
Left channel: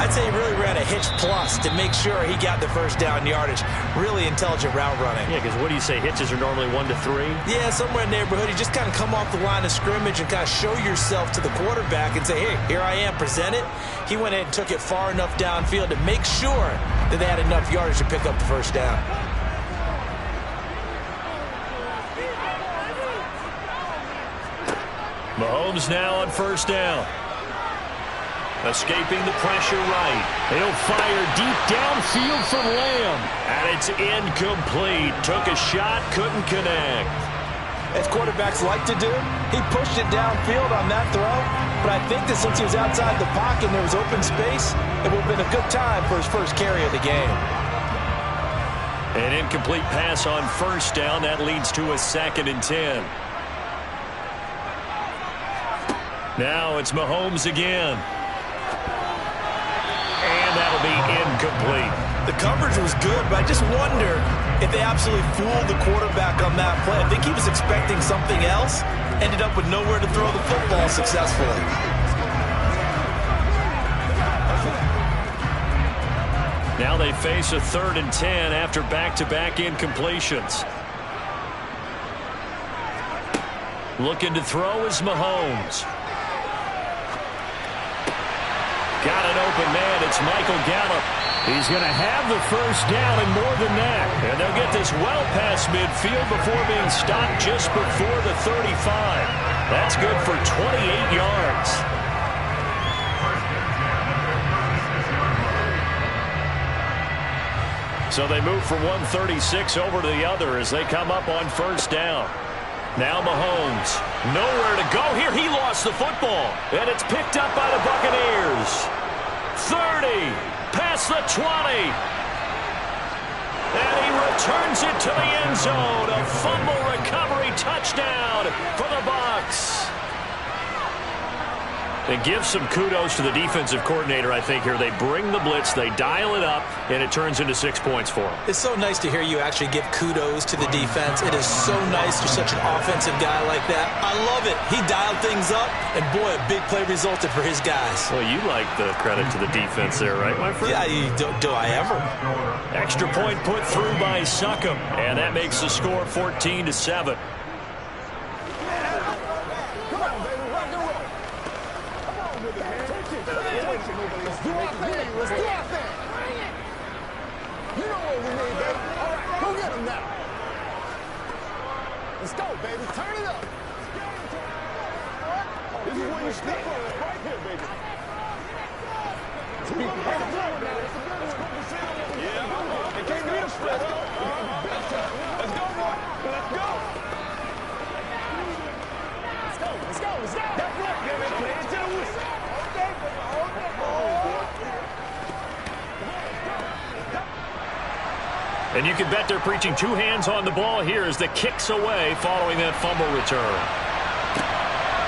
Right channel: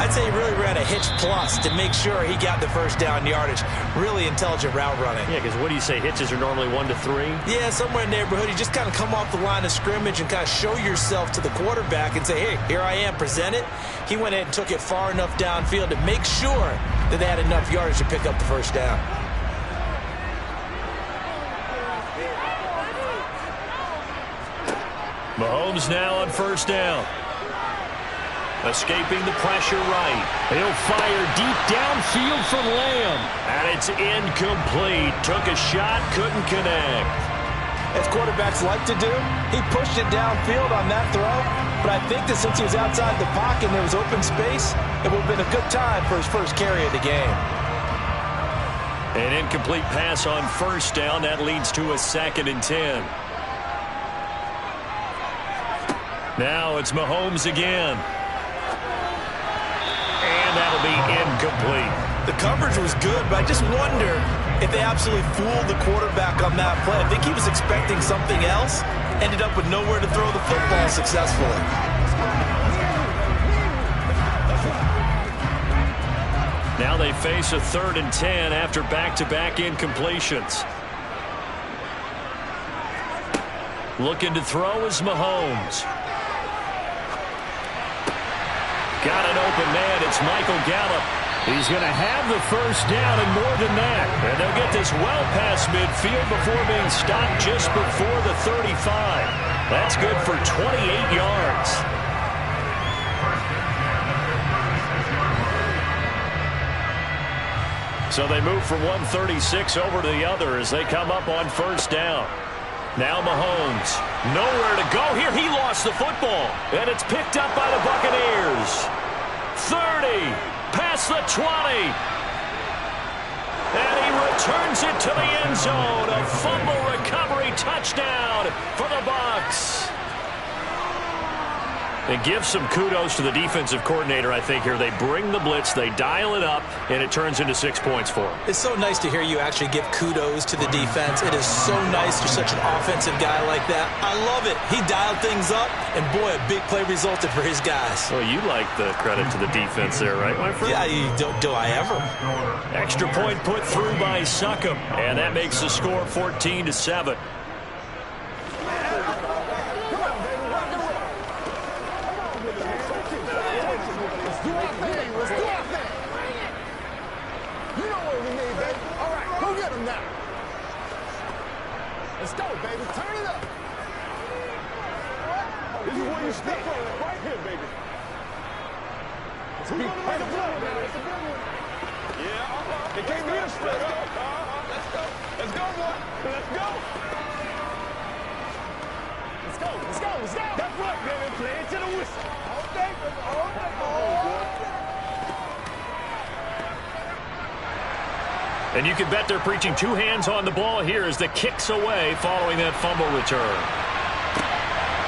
I'd say he really ran a hitch plus to make sure he got the first down yardage. Really intelligent route running. Yeah, because what do you say? Hitches are normally 1 to 3? Yeah, somewhere in the neighborhood. You just kind of come off the line of scrimmage and kind of show yourself to the quarterback and say, hey, here I am, present it. He went in and took it far enough downfield to make sure that they had enough yardage to pick up the first down. Mahomes now on 1st down. Escaping the pressure right. He'll fire deep downfield for Lamb. And it's incomplete. Took a shot, couldn't connect. As quarterbacks like to do, he pushed it downfield on that throw. But I think that since he was outside the pocket and there was open space, it would have been a good time for his first carry of the game. An incomplete pass on 1st down. That leads to a 2nd and 10. Now it's Mahomes again. And that'll be incomplete. The coverage was good, but I just wonder if they absolutely fooled the quarterback on that play. I think he was expecting something else, ended up with nowhere to throw the football successfully. Now they face a 3rd and 10 after back-to-back incompletions. Looking to throw is Mahomes. Got an open man. It's Michael Gallup. He's going to have the first down and more than that. And they'll get this well past midfield before being stopped just before the 35. That's good for 28 yards. So they move from 136 over to the other as they come up on first down. Now Mahomes. Nowhere to go here. He lost the football. And it's picked up by the Buccaneers. 30. Past the 20. And he returns it to the end zone. A fumble recovery touchdown for the Bucs. And give some kudos to the defensive coordinator, I think, here. They bring the blitz, they dial it up, and it turns into 6 points for them. It's so nice to hear you actually give kudos to the defense. It is so nice you're such an offensive guy like that. I love it. He dialed things up, and boy, a big play resulted for his guys. Well, you like the credit to the defense there, right, my friend? Yeah, do I ever? Extra point put through by Succop, and that makes the score 14-7. Let's do our thing. Let's do our thing. You know what we need, baby. All right, go get him now. Let's go, baby. Turn it up. This is where you step on right here, baby. Who's going to make a play now? It's a big one. Yeah, It can't be a straight up. Let's go. Let's go, boy. Let's go. Let's go. Let's go. Let's go. That's right, baby. Play it to the whistle. All day, baby. All day. And you can bet they're preaching 2 hands on the ball here as the kick's away following that fumble return.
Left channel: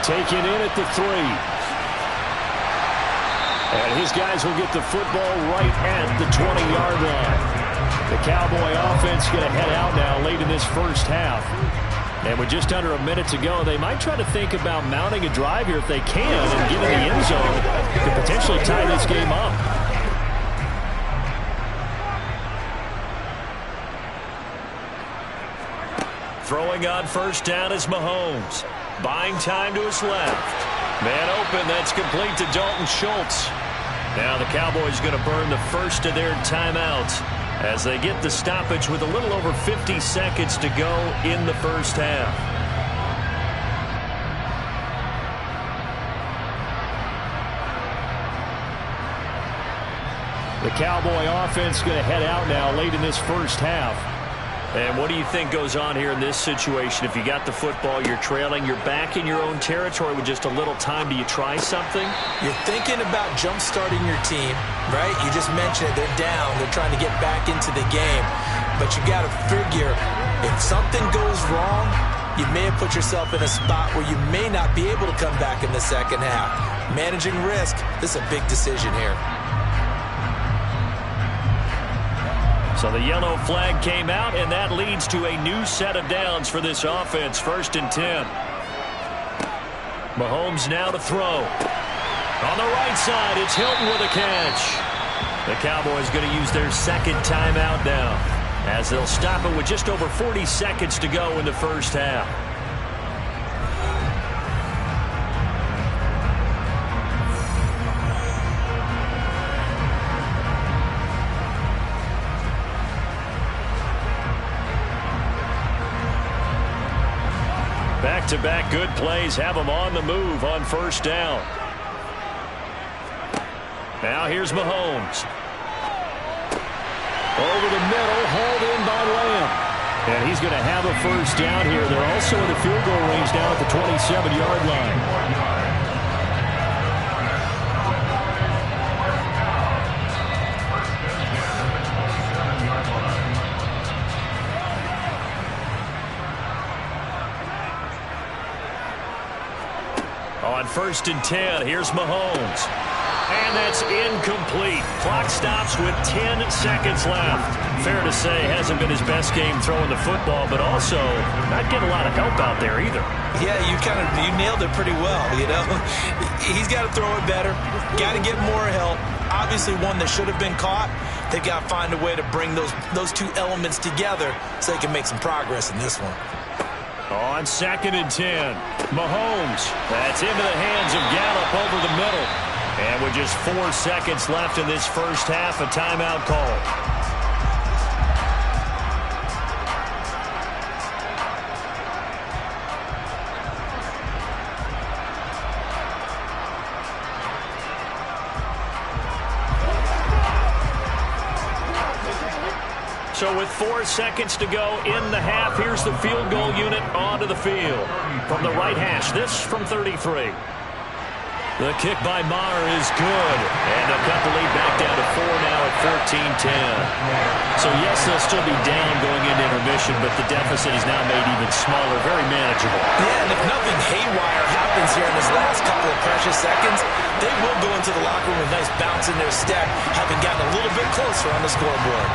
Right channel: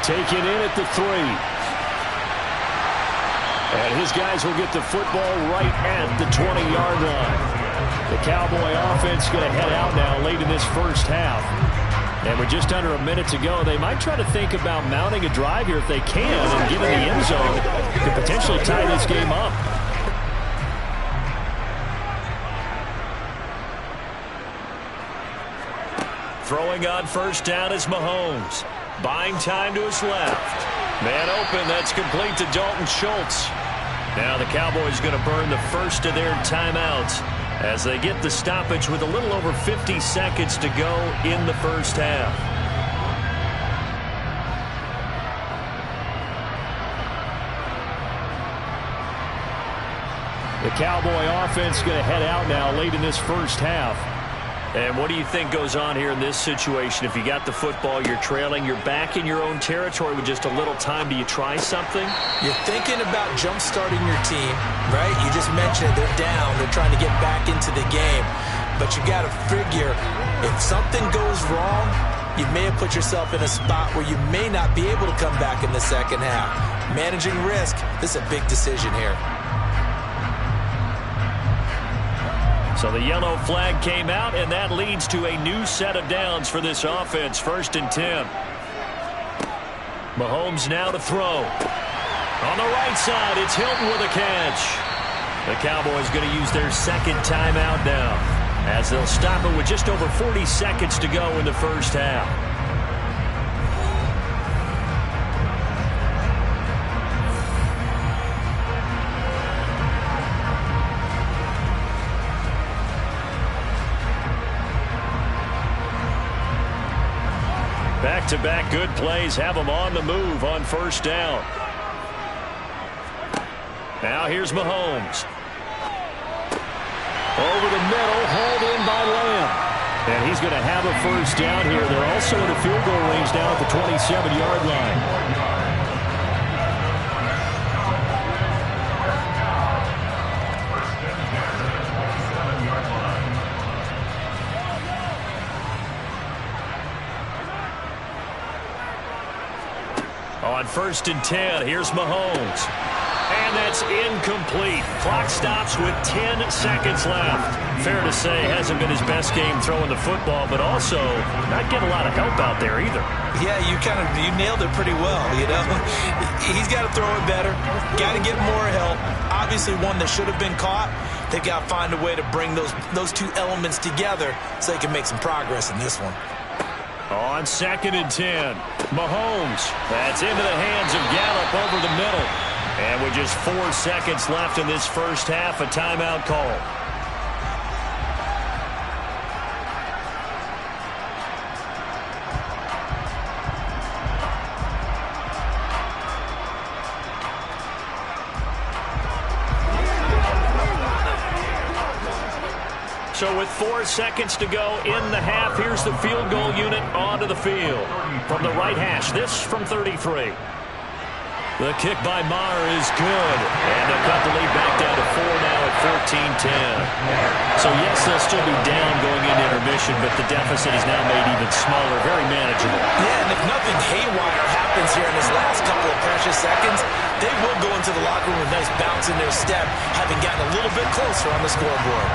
Taken in at the 3. And his guys will get the football right at the 20-yard line. The Cowboy offense going to head out now late in this first half. And with just under a minute to go, they might try to think about mounting a drive here if they can and get in the end zone to potentially tie this game up. Throwing on first down is Mahomes. Buying time to his left. Man open, that's complete to Dalton Schultz. Now the Cowboys going to burn the first of their timeouts as they get the stoppage with a little over 50 seconds to go in the first half. The Cowboy offense going to head out now late in this first half. And what do you think goes on here in this situation? If you got the football, you're trailing, you're back in your own territory with just a little time. Do you try something? You're thinking about jump-starting your team, right? You just mentioned it. They're down. They're trying to get back into the game. But you got to figure, if something goes wrong, you may have put yourself in a spot where you may not be able to come back in the second half. Managing risk, this is a big decision here. So the yellow flag came out, and that leads to a new set of downs for this offense. 1st and 10. Mahomes now to throw. On the right side, it's Hilton with a catch. The Cowboys going to use their second timeout now, as they'll stop it with just over 40 seconds to go in the first half. Back-to-back good plays have them on the move on first down. Now here's Mahomes. Over the middle, hauled in by Lamb. And he's going to have a first down here. They're also in a field goal range now at the 27-yard line. On 1st and 10, here's Mahomes. And that's incomplete. Clock stops with 10 seconds left. Fair to say, hasn't been his best game throwing the football, but also not getting a lot of help out there either. Yeah, you nailed it pretty well, you know. He's got to throw it better. Got to get more help. obviously one that should have been caught. They've got to find a way to bring those two elements together so they can make some progress in this one. On 2nd and 10, Mahomes. That's into the hands of Gallup over the middle. And with just 4 seconds left in this first half, a timeout call. So with 4 seconds to go in the half, here's the field goal unit onto the field. From the right hash, this from 33. The kick by Maher is good. And they'll cut the lead back down to 4 now at 14-10. So yes, they'll still be down going into intermission, but the deficit is now made even smaller, very manageable. Yeah, and if nothing haywire happens here in this last couple of precious seconds, they will go into the locker room with a nice bounce in their step, having gotten a little bit closer on the scoreboard.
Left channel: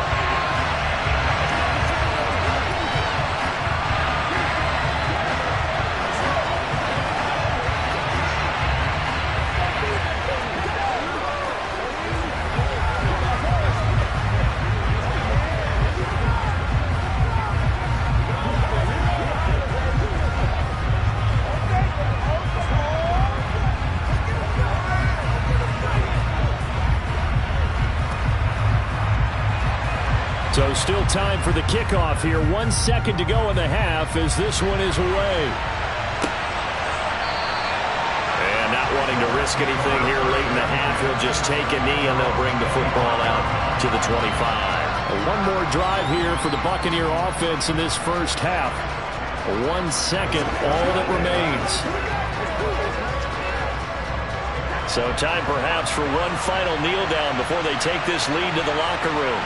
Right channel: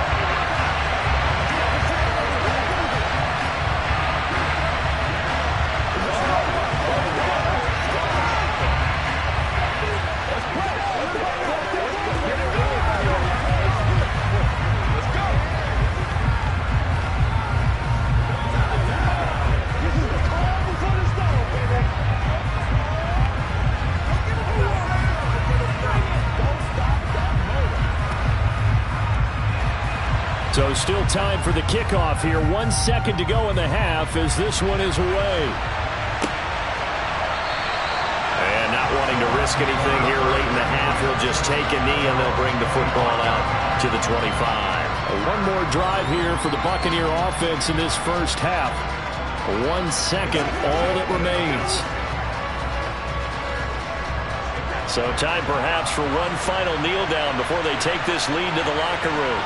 So still time for the kickoff here. 1 second to go in the half as this one is away. And not wanting to risk anything here late in the half, he'll just take a knee and they'll bring the football out to the 25. One more drive here for the Buccaneer offense in this first half. 1 second, all that remains. So time perhaps for one final kneel down before they take this lead to the locker room.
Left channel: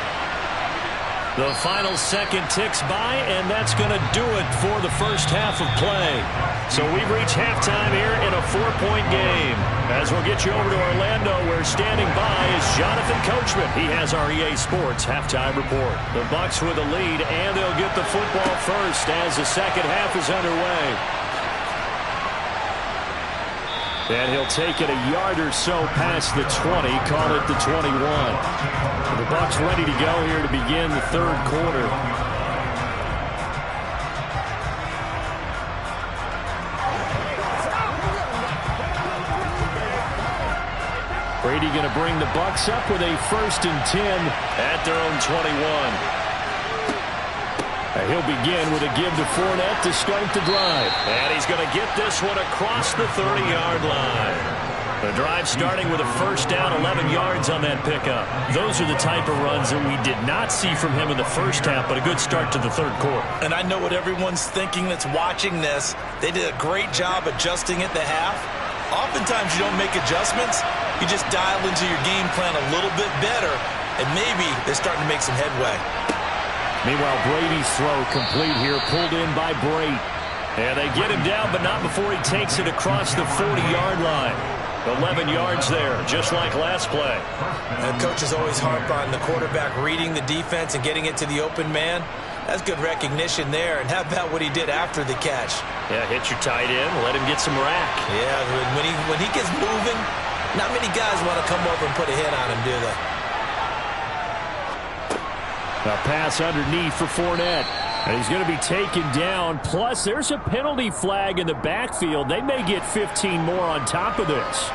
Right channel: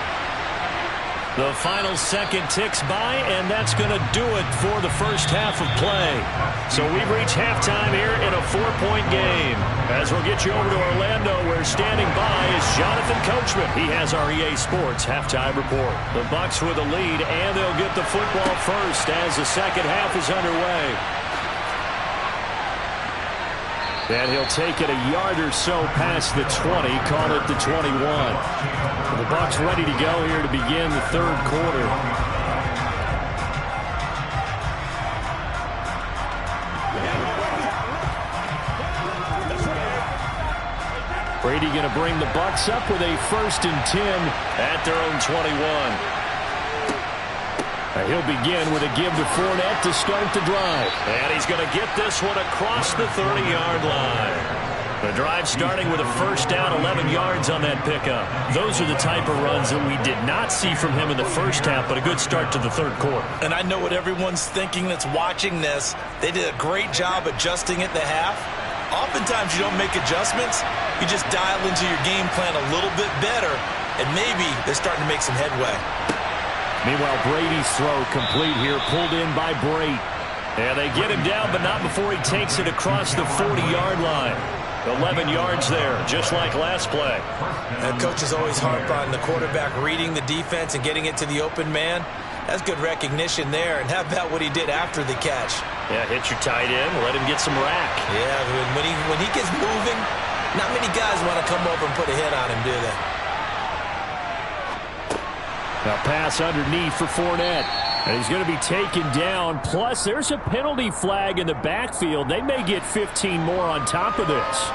The final second ticks by, and that's going to do it for the first half of play. So we've reached halftime here in a 4-point game. As we'll get you over to Orlando, where standing by is Jonathan Coachman. He has our EA Sports halftime report. The Bucs with a lead, and they'll get the football first as the second half is underway. And he'll take it a yard or so past the 20, call it the 21. The Bucs ready to go here to begin the third quarter. Brady going to bring the Bucs up with a 1st and 10 at their own 21. He'll begin with a give to Fournette to start the drive. And he's going to get this one across the 30-yard line. The drive starting with a first down, 11 yards on that pickup. Those are the type of runs that we did not see from him in the first half, but a good start to the third quarter. And I know what everyone's thinking that's watching this. They did a great job adjusting at the half. Oftentimes you don't make adjustments. You just dial into your game plan a little bit better, and maybe they're starting to make some headway. Meanwhile, Brady's throw complete here, pulled in by Brate. And they get him down, but not before he takes it across the 40-yard line. 11 yards there, just like last play. And coaches always harp on the quarterback reading the defense and getting it to the open man. That's good recognition there. And how about what he did after the catch? Yeah, hit your tight end, let him get some rack. Yeah, when he gets moving, not many guys want to come over and put a hit on him, do they? A pass underneath for Fournette. And he's going to be taken down. Plus, there's a penalty flag in the backfield. They may get 15 more on top of this.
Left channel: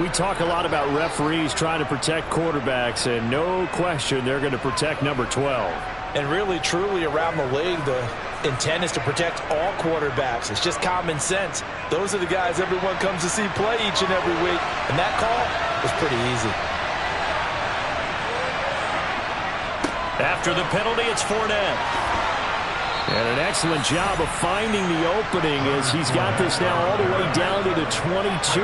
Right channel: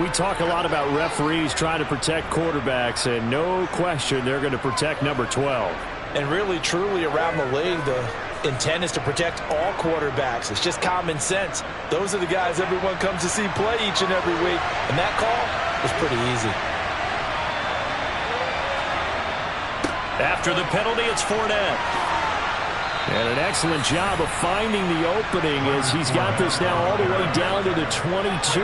We talk a lot about referees trying to protect quarterbacks, and no question they're going to protect number 12. And really, truly, around the league, the intent is to protect all quarterbacks. It's just common sense. Those are the guys everyone comes to see play each and every week. And that call was pretty easy. After the penalty, it's Fournette. And an excellent job of finding the opening as he's got this now all the way down to the 22.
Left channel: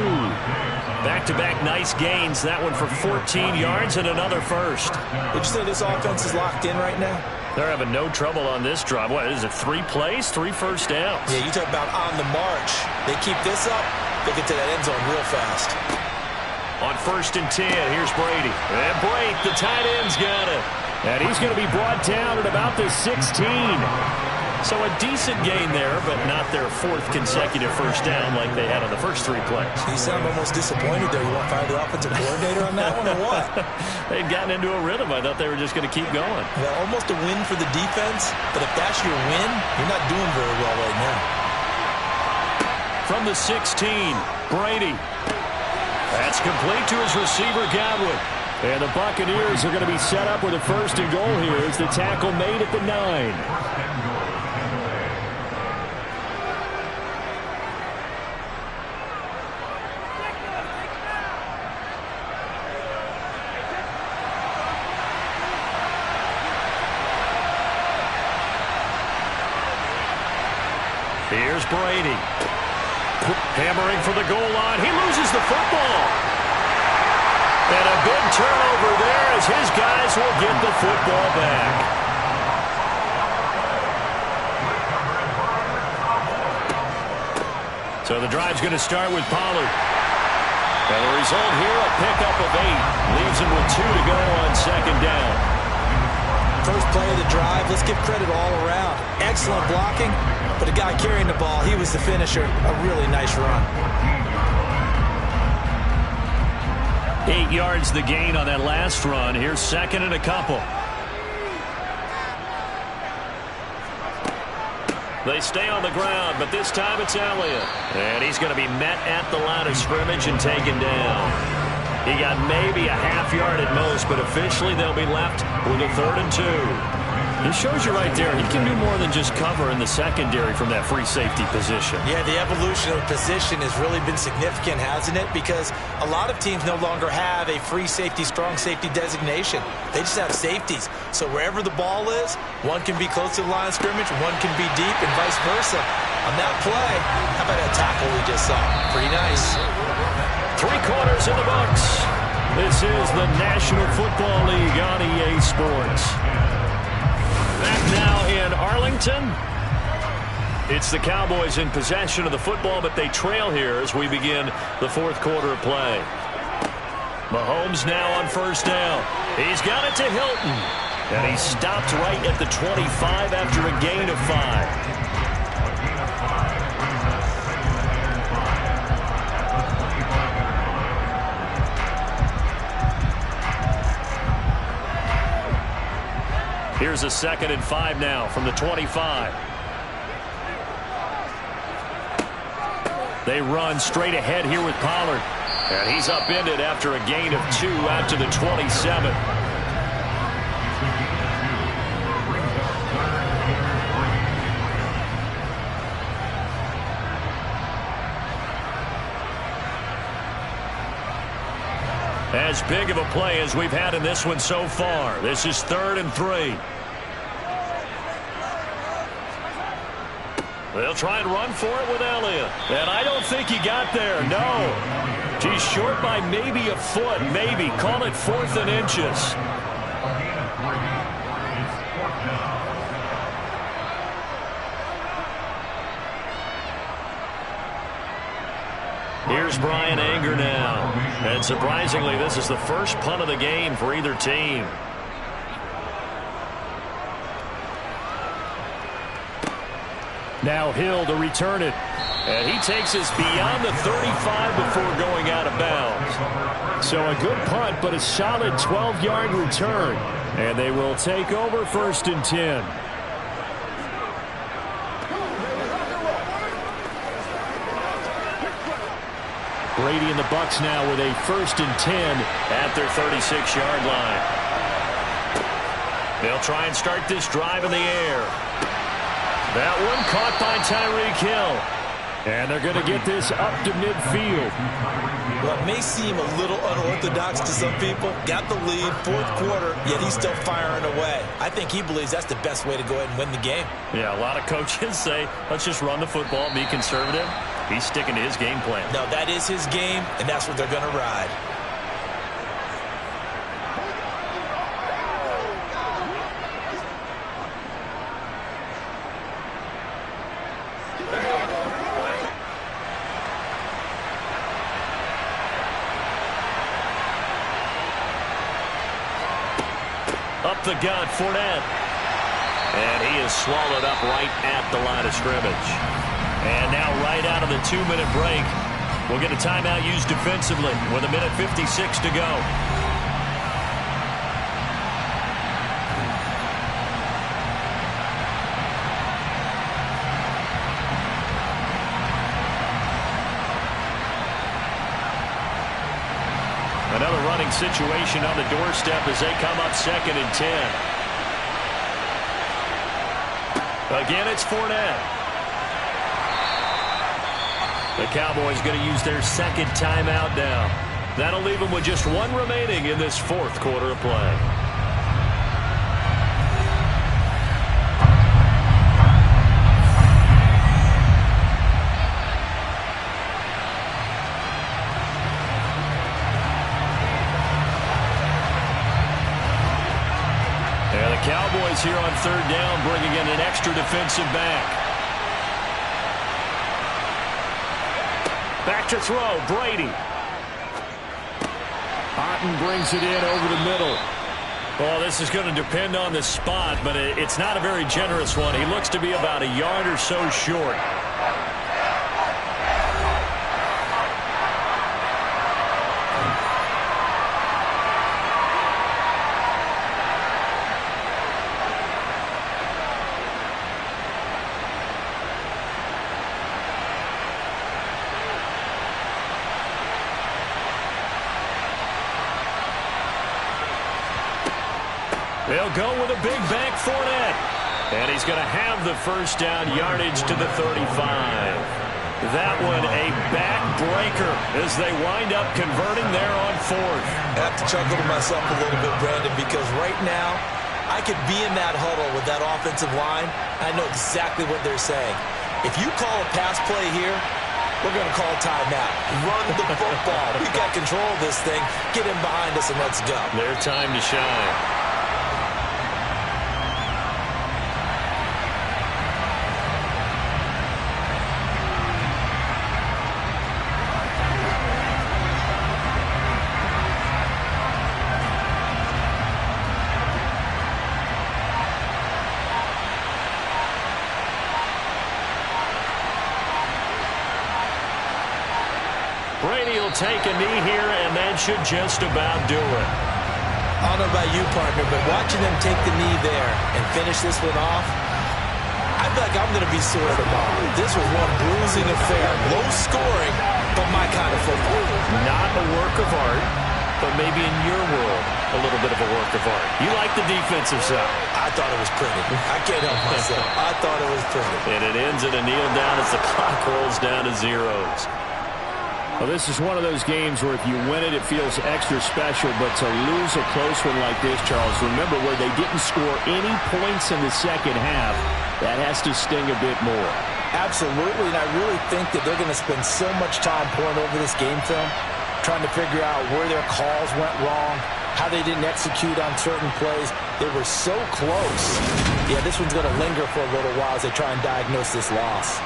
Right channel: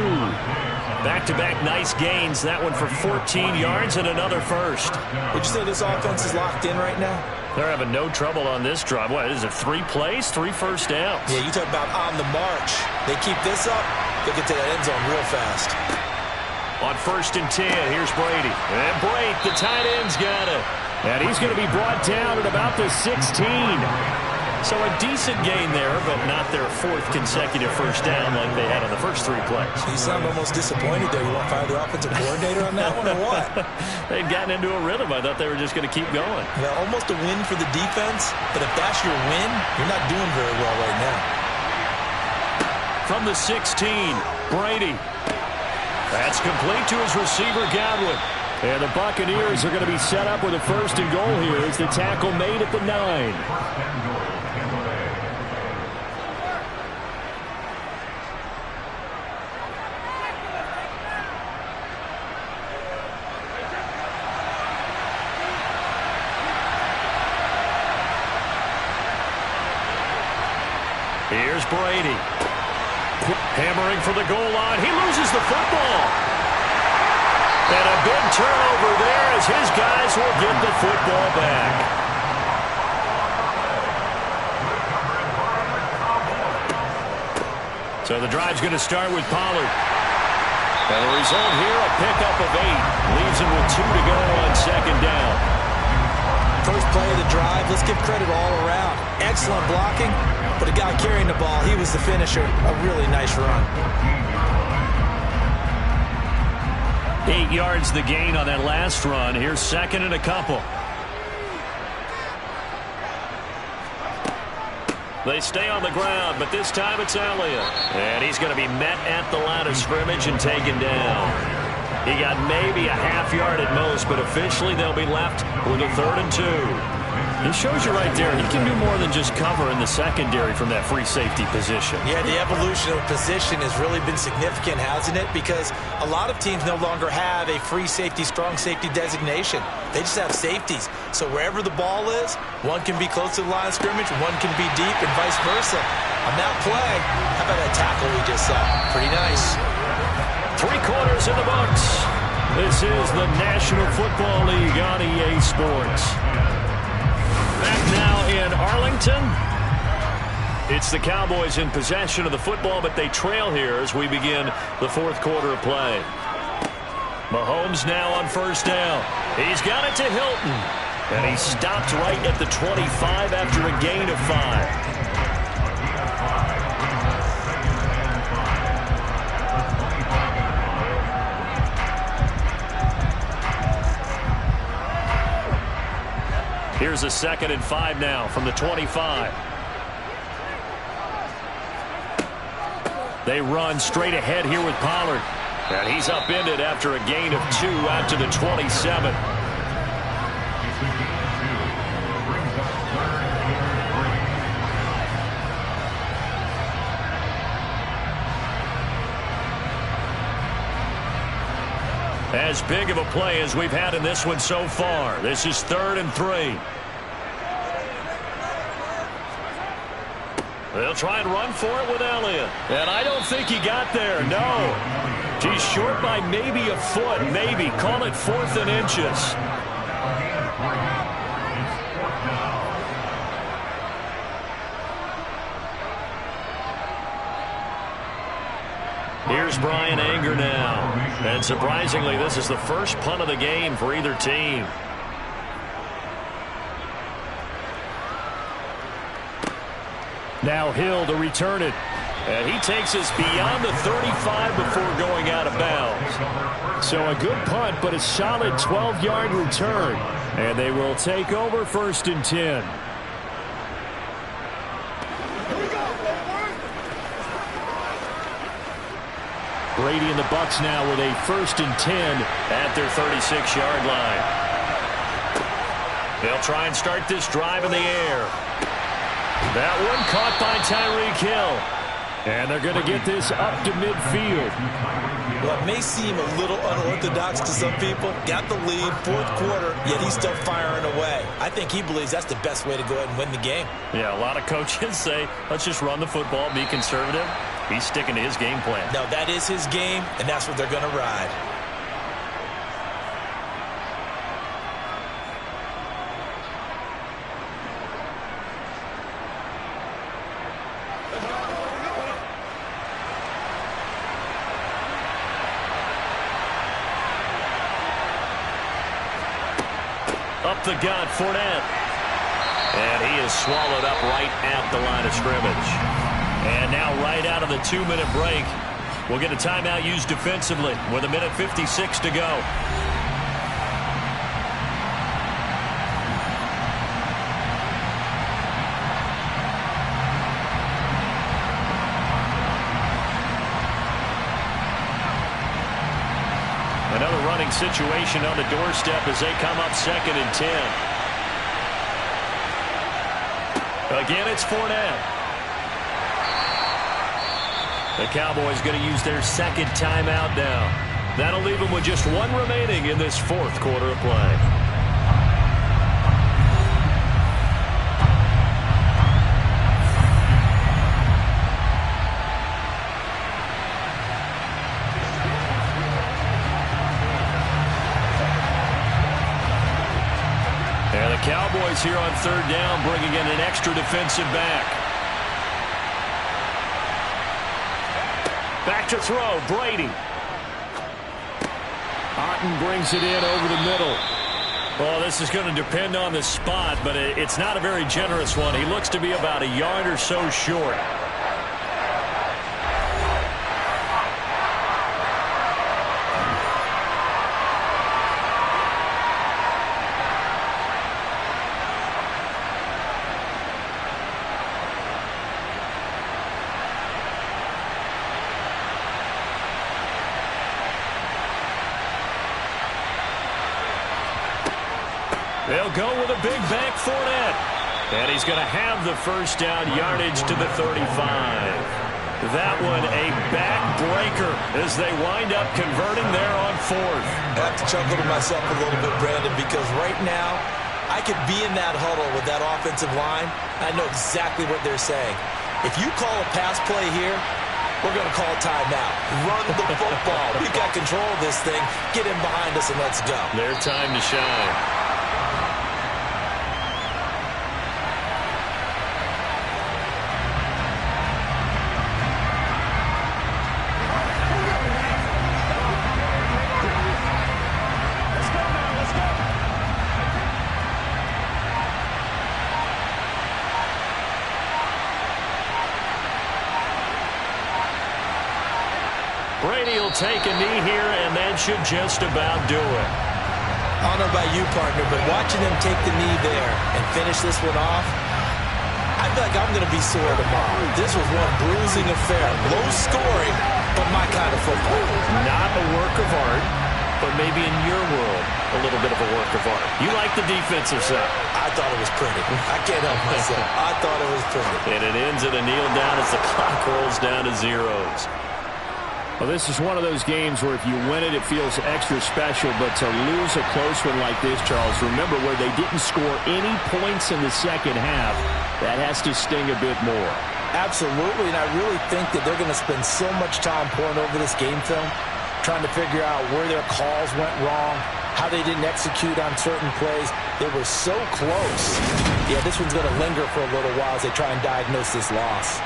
Back-to-back nice gains. That one for 14 yards and another first. Would you say this offense is locked in right now? They're having no trouble on this drive. What is it, 3 plays, 3 first downs? Yeah, you talk about on the march. They keep this up, they'll get to that end zone real fast. On 1st and 10, here's Brady. And Brate, the tight end's got it. And he's going to be brought down at about the 16. So a decent gain there, but not their 4th consecutive first down like they had on the first 3 plays. You sound almost disappointed there. You want to fire the offensive coordinator on that one or what? They'd gotten into a rhythm. I thought they were just going to keep going. Well, almost a win for the defense, but if that's your win, you're not doing very well right now. From the 16, Brady. That's complete to his receiver, Godwin. And the Buccaneers are going to be set up with a 1st and goal here as the tackle made at the 9. Here's Brady. Hammering for the goal line. He loses the football. And a big turnover there as his guys will get the football back. So the drive's going to start with Pollard. And the result here, a pickup of 8. Leaves him with 2 to go on 2nd down. First play of the drive, let's give credit all around. Excellent blocking, but the guy carrying the ball, he was the finisher. A really nice run. 8 yards the gain on that last run. Here's 2nd and a couple. They stay on the ground, but this time it's Elliott. And he's going to be met at the line of scrimmage and taken down. He got maybe a half yard at most, but officially they'll be left with a 3rd and 2. It shows you right there, he can do more than just cover in the secondary from that free safety position. Yeah, the evolution of position has really been significant, hasn't it? Because a lot of teams no longer have a free safety, strong safety designation. They just have safeties. So wherever the ball is, one can be close to the line of scrimmage, one can be deep, and vice versa. On that play, how about that tackle we just saw? Pretty nice. 3 quarters in the books. This is the National Football League on EA Sports. Back now in Arlington. It's the Cowboys in possession of the football, but they trail here as we begin the 4th quarter of play. Mahomes now on 1st down. He's got it to Hilton. And he stopped right at the 25 after a gain of 5. Here's a 2nd and 5 now from the 25. They run straight ahead here with Pollard. And he's upended after a gain of 2 out to the 27. As big of a play as we've had in this one so far. This is 3rd and 3. They'll try and run for it with Elliott. And I don't think he got there, no. He's short by maybe a foot, maybe. Call it 4th and inches. Here's Brian Anger now. And surprisingly, this is the first punt of the game for either team. Now Hill to return it. And he takes us beyond the 35 before going out of bounds. So a good punt, but a solid 12-yard return. And they will take over 1st and 10. Brady and the Bucs now with a 1st and 10 at their 36-yard line. They'll try and start this drive in the air. That one caught by Tyreek Hill. And they're going to get this up to midfield. Well, it may seem a little unorthodox to some people. Got the lead, 4th quarter, yet he's still firing away. I think he believes that's the best way to go ahead and win the game. Yeah, a lot of coaches say, let's just run the football, be conservative. He's sticking to his game plan. No, that is his game, and that's what they're going to ride. Up the gut, Fournette. And he is swallowed up right at the line of scrimmage. And now right out of the 2-minute break, we'll get a timeout used defensively with 1:56 to go. Another running situation on the doorstep as they come up 2nd and 10. Again, it's Fournette. The Cowboys going to use their 2nd timeout now. That'll leave them with just 1 remaining in this 4th quarter of play. And the Cowboys here on 3rd down, bringing in an extra defensive back. Back to throw, Brady. Otten brings it in over the middle. Well, this is going to depend on the spot, but it's not a very generous one. He looks to be about a yard or so short. They'll go with a big back Fournette. And he's going to have the 1st down, yardage to the 35. That one a backbreaker as they wind up converting there on 4th. I have to chuckle to myself a little bit, Brandon, because right now I could be in that huddle with that offensive line. I know exactly what they're saying. If you call a pass play here, we're going to call timeout. Run the football. We've got control of this thing. Get in behind us and let's go. Their time to shine. Brady will take a knee here, and that should just about do it. I don't know about you, partner, but watching them take the knee there and finish this one off, I feel like I'm going to be sore tomorrow. This was one bruising affair. Low scoring, but my kind of football. Not a work of art, but maybe in your world, a little bit of a work of art. You like the defensive side. I thought it was pretty. I can't help myself. I thought it was pretty. And it ends in a kneel down as the clock rolls down to zeros. Well, this is one of those games where if you win it, it feels extra special. But to lose a close one like this, Charles, remember where they didn't score any points in the 2nd half, that has to sting a bit more. Absolutely, and I really think that they're going to spend so much time pouring over this game film, trying to figure out where their calls went wrong, how they didn't execute on certain plays. They were so close. Yeah, this one's going to linger for a little while as they try and diagnose this loss.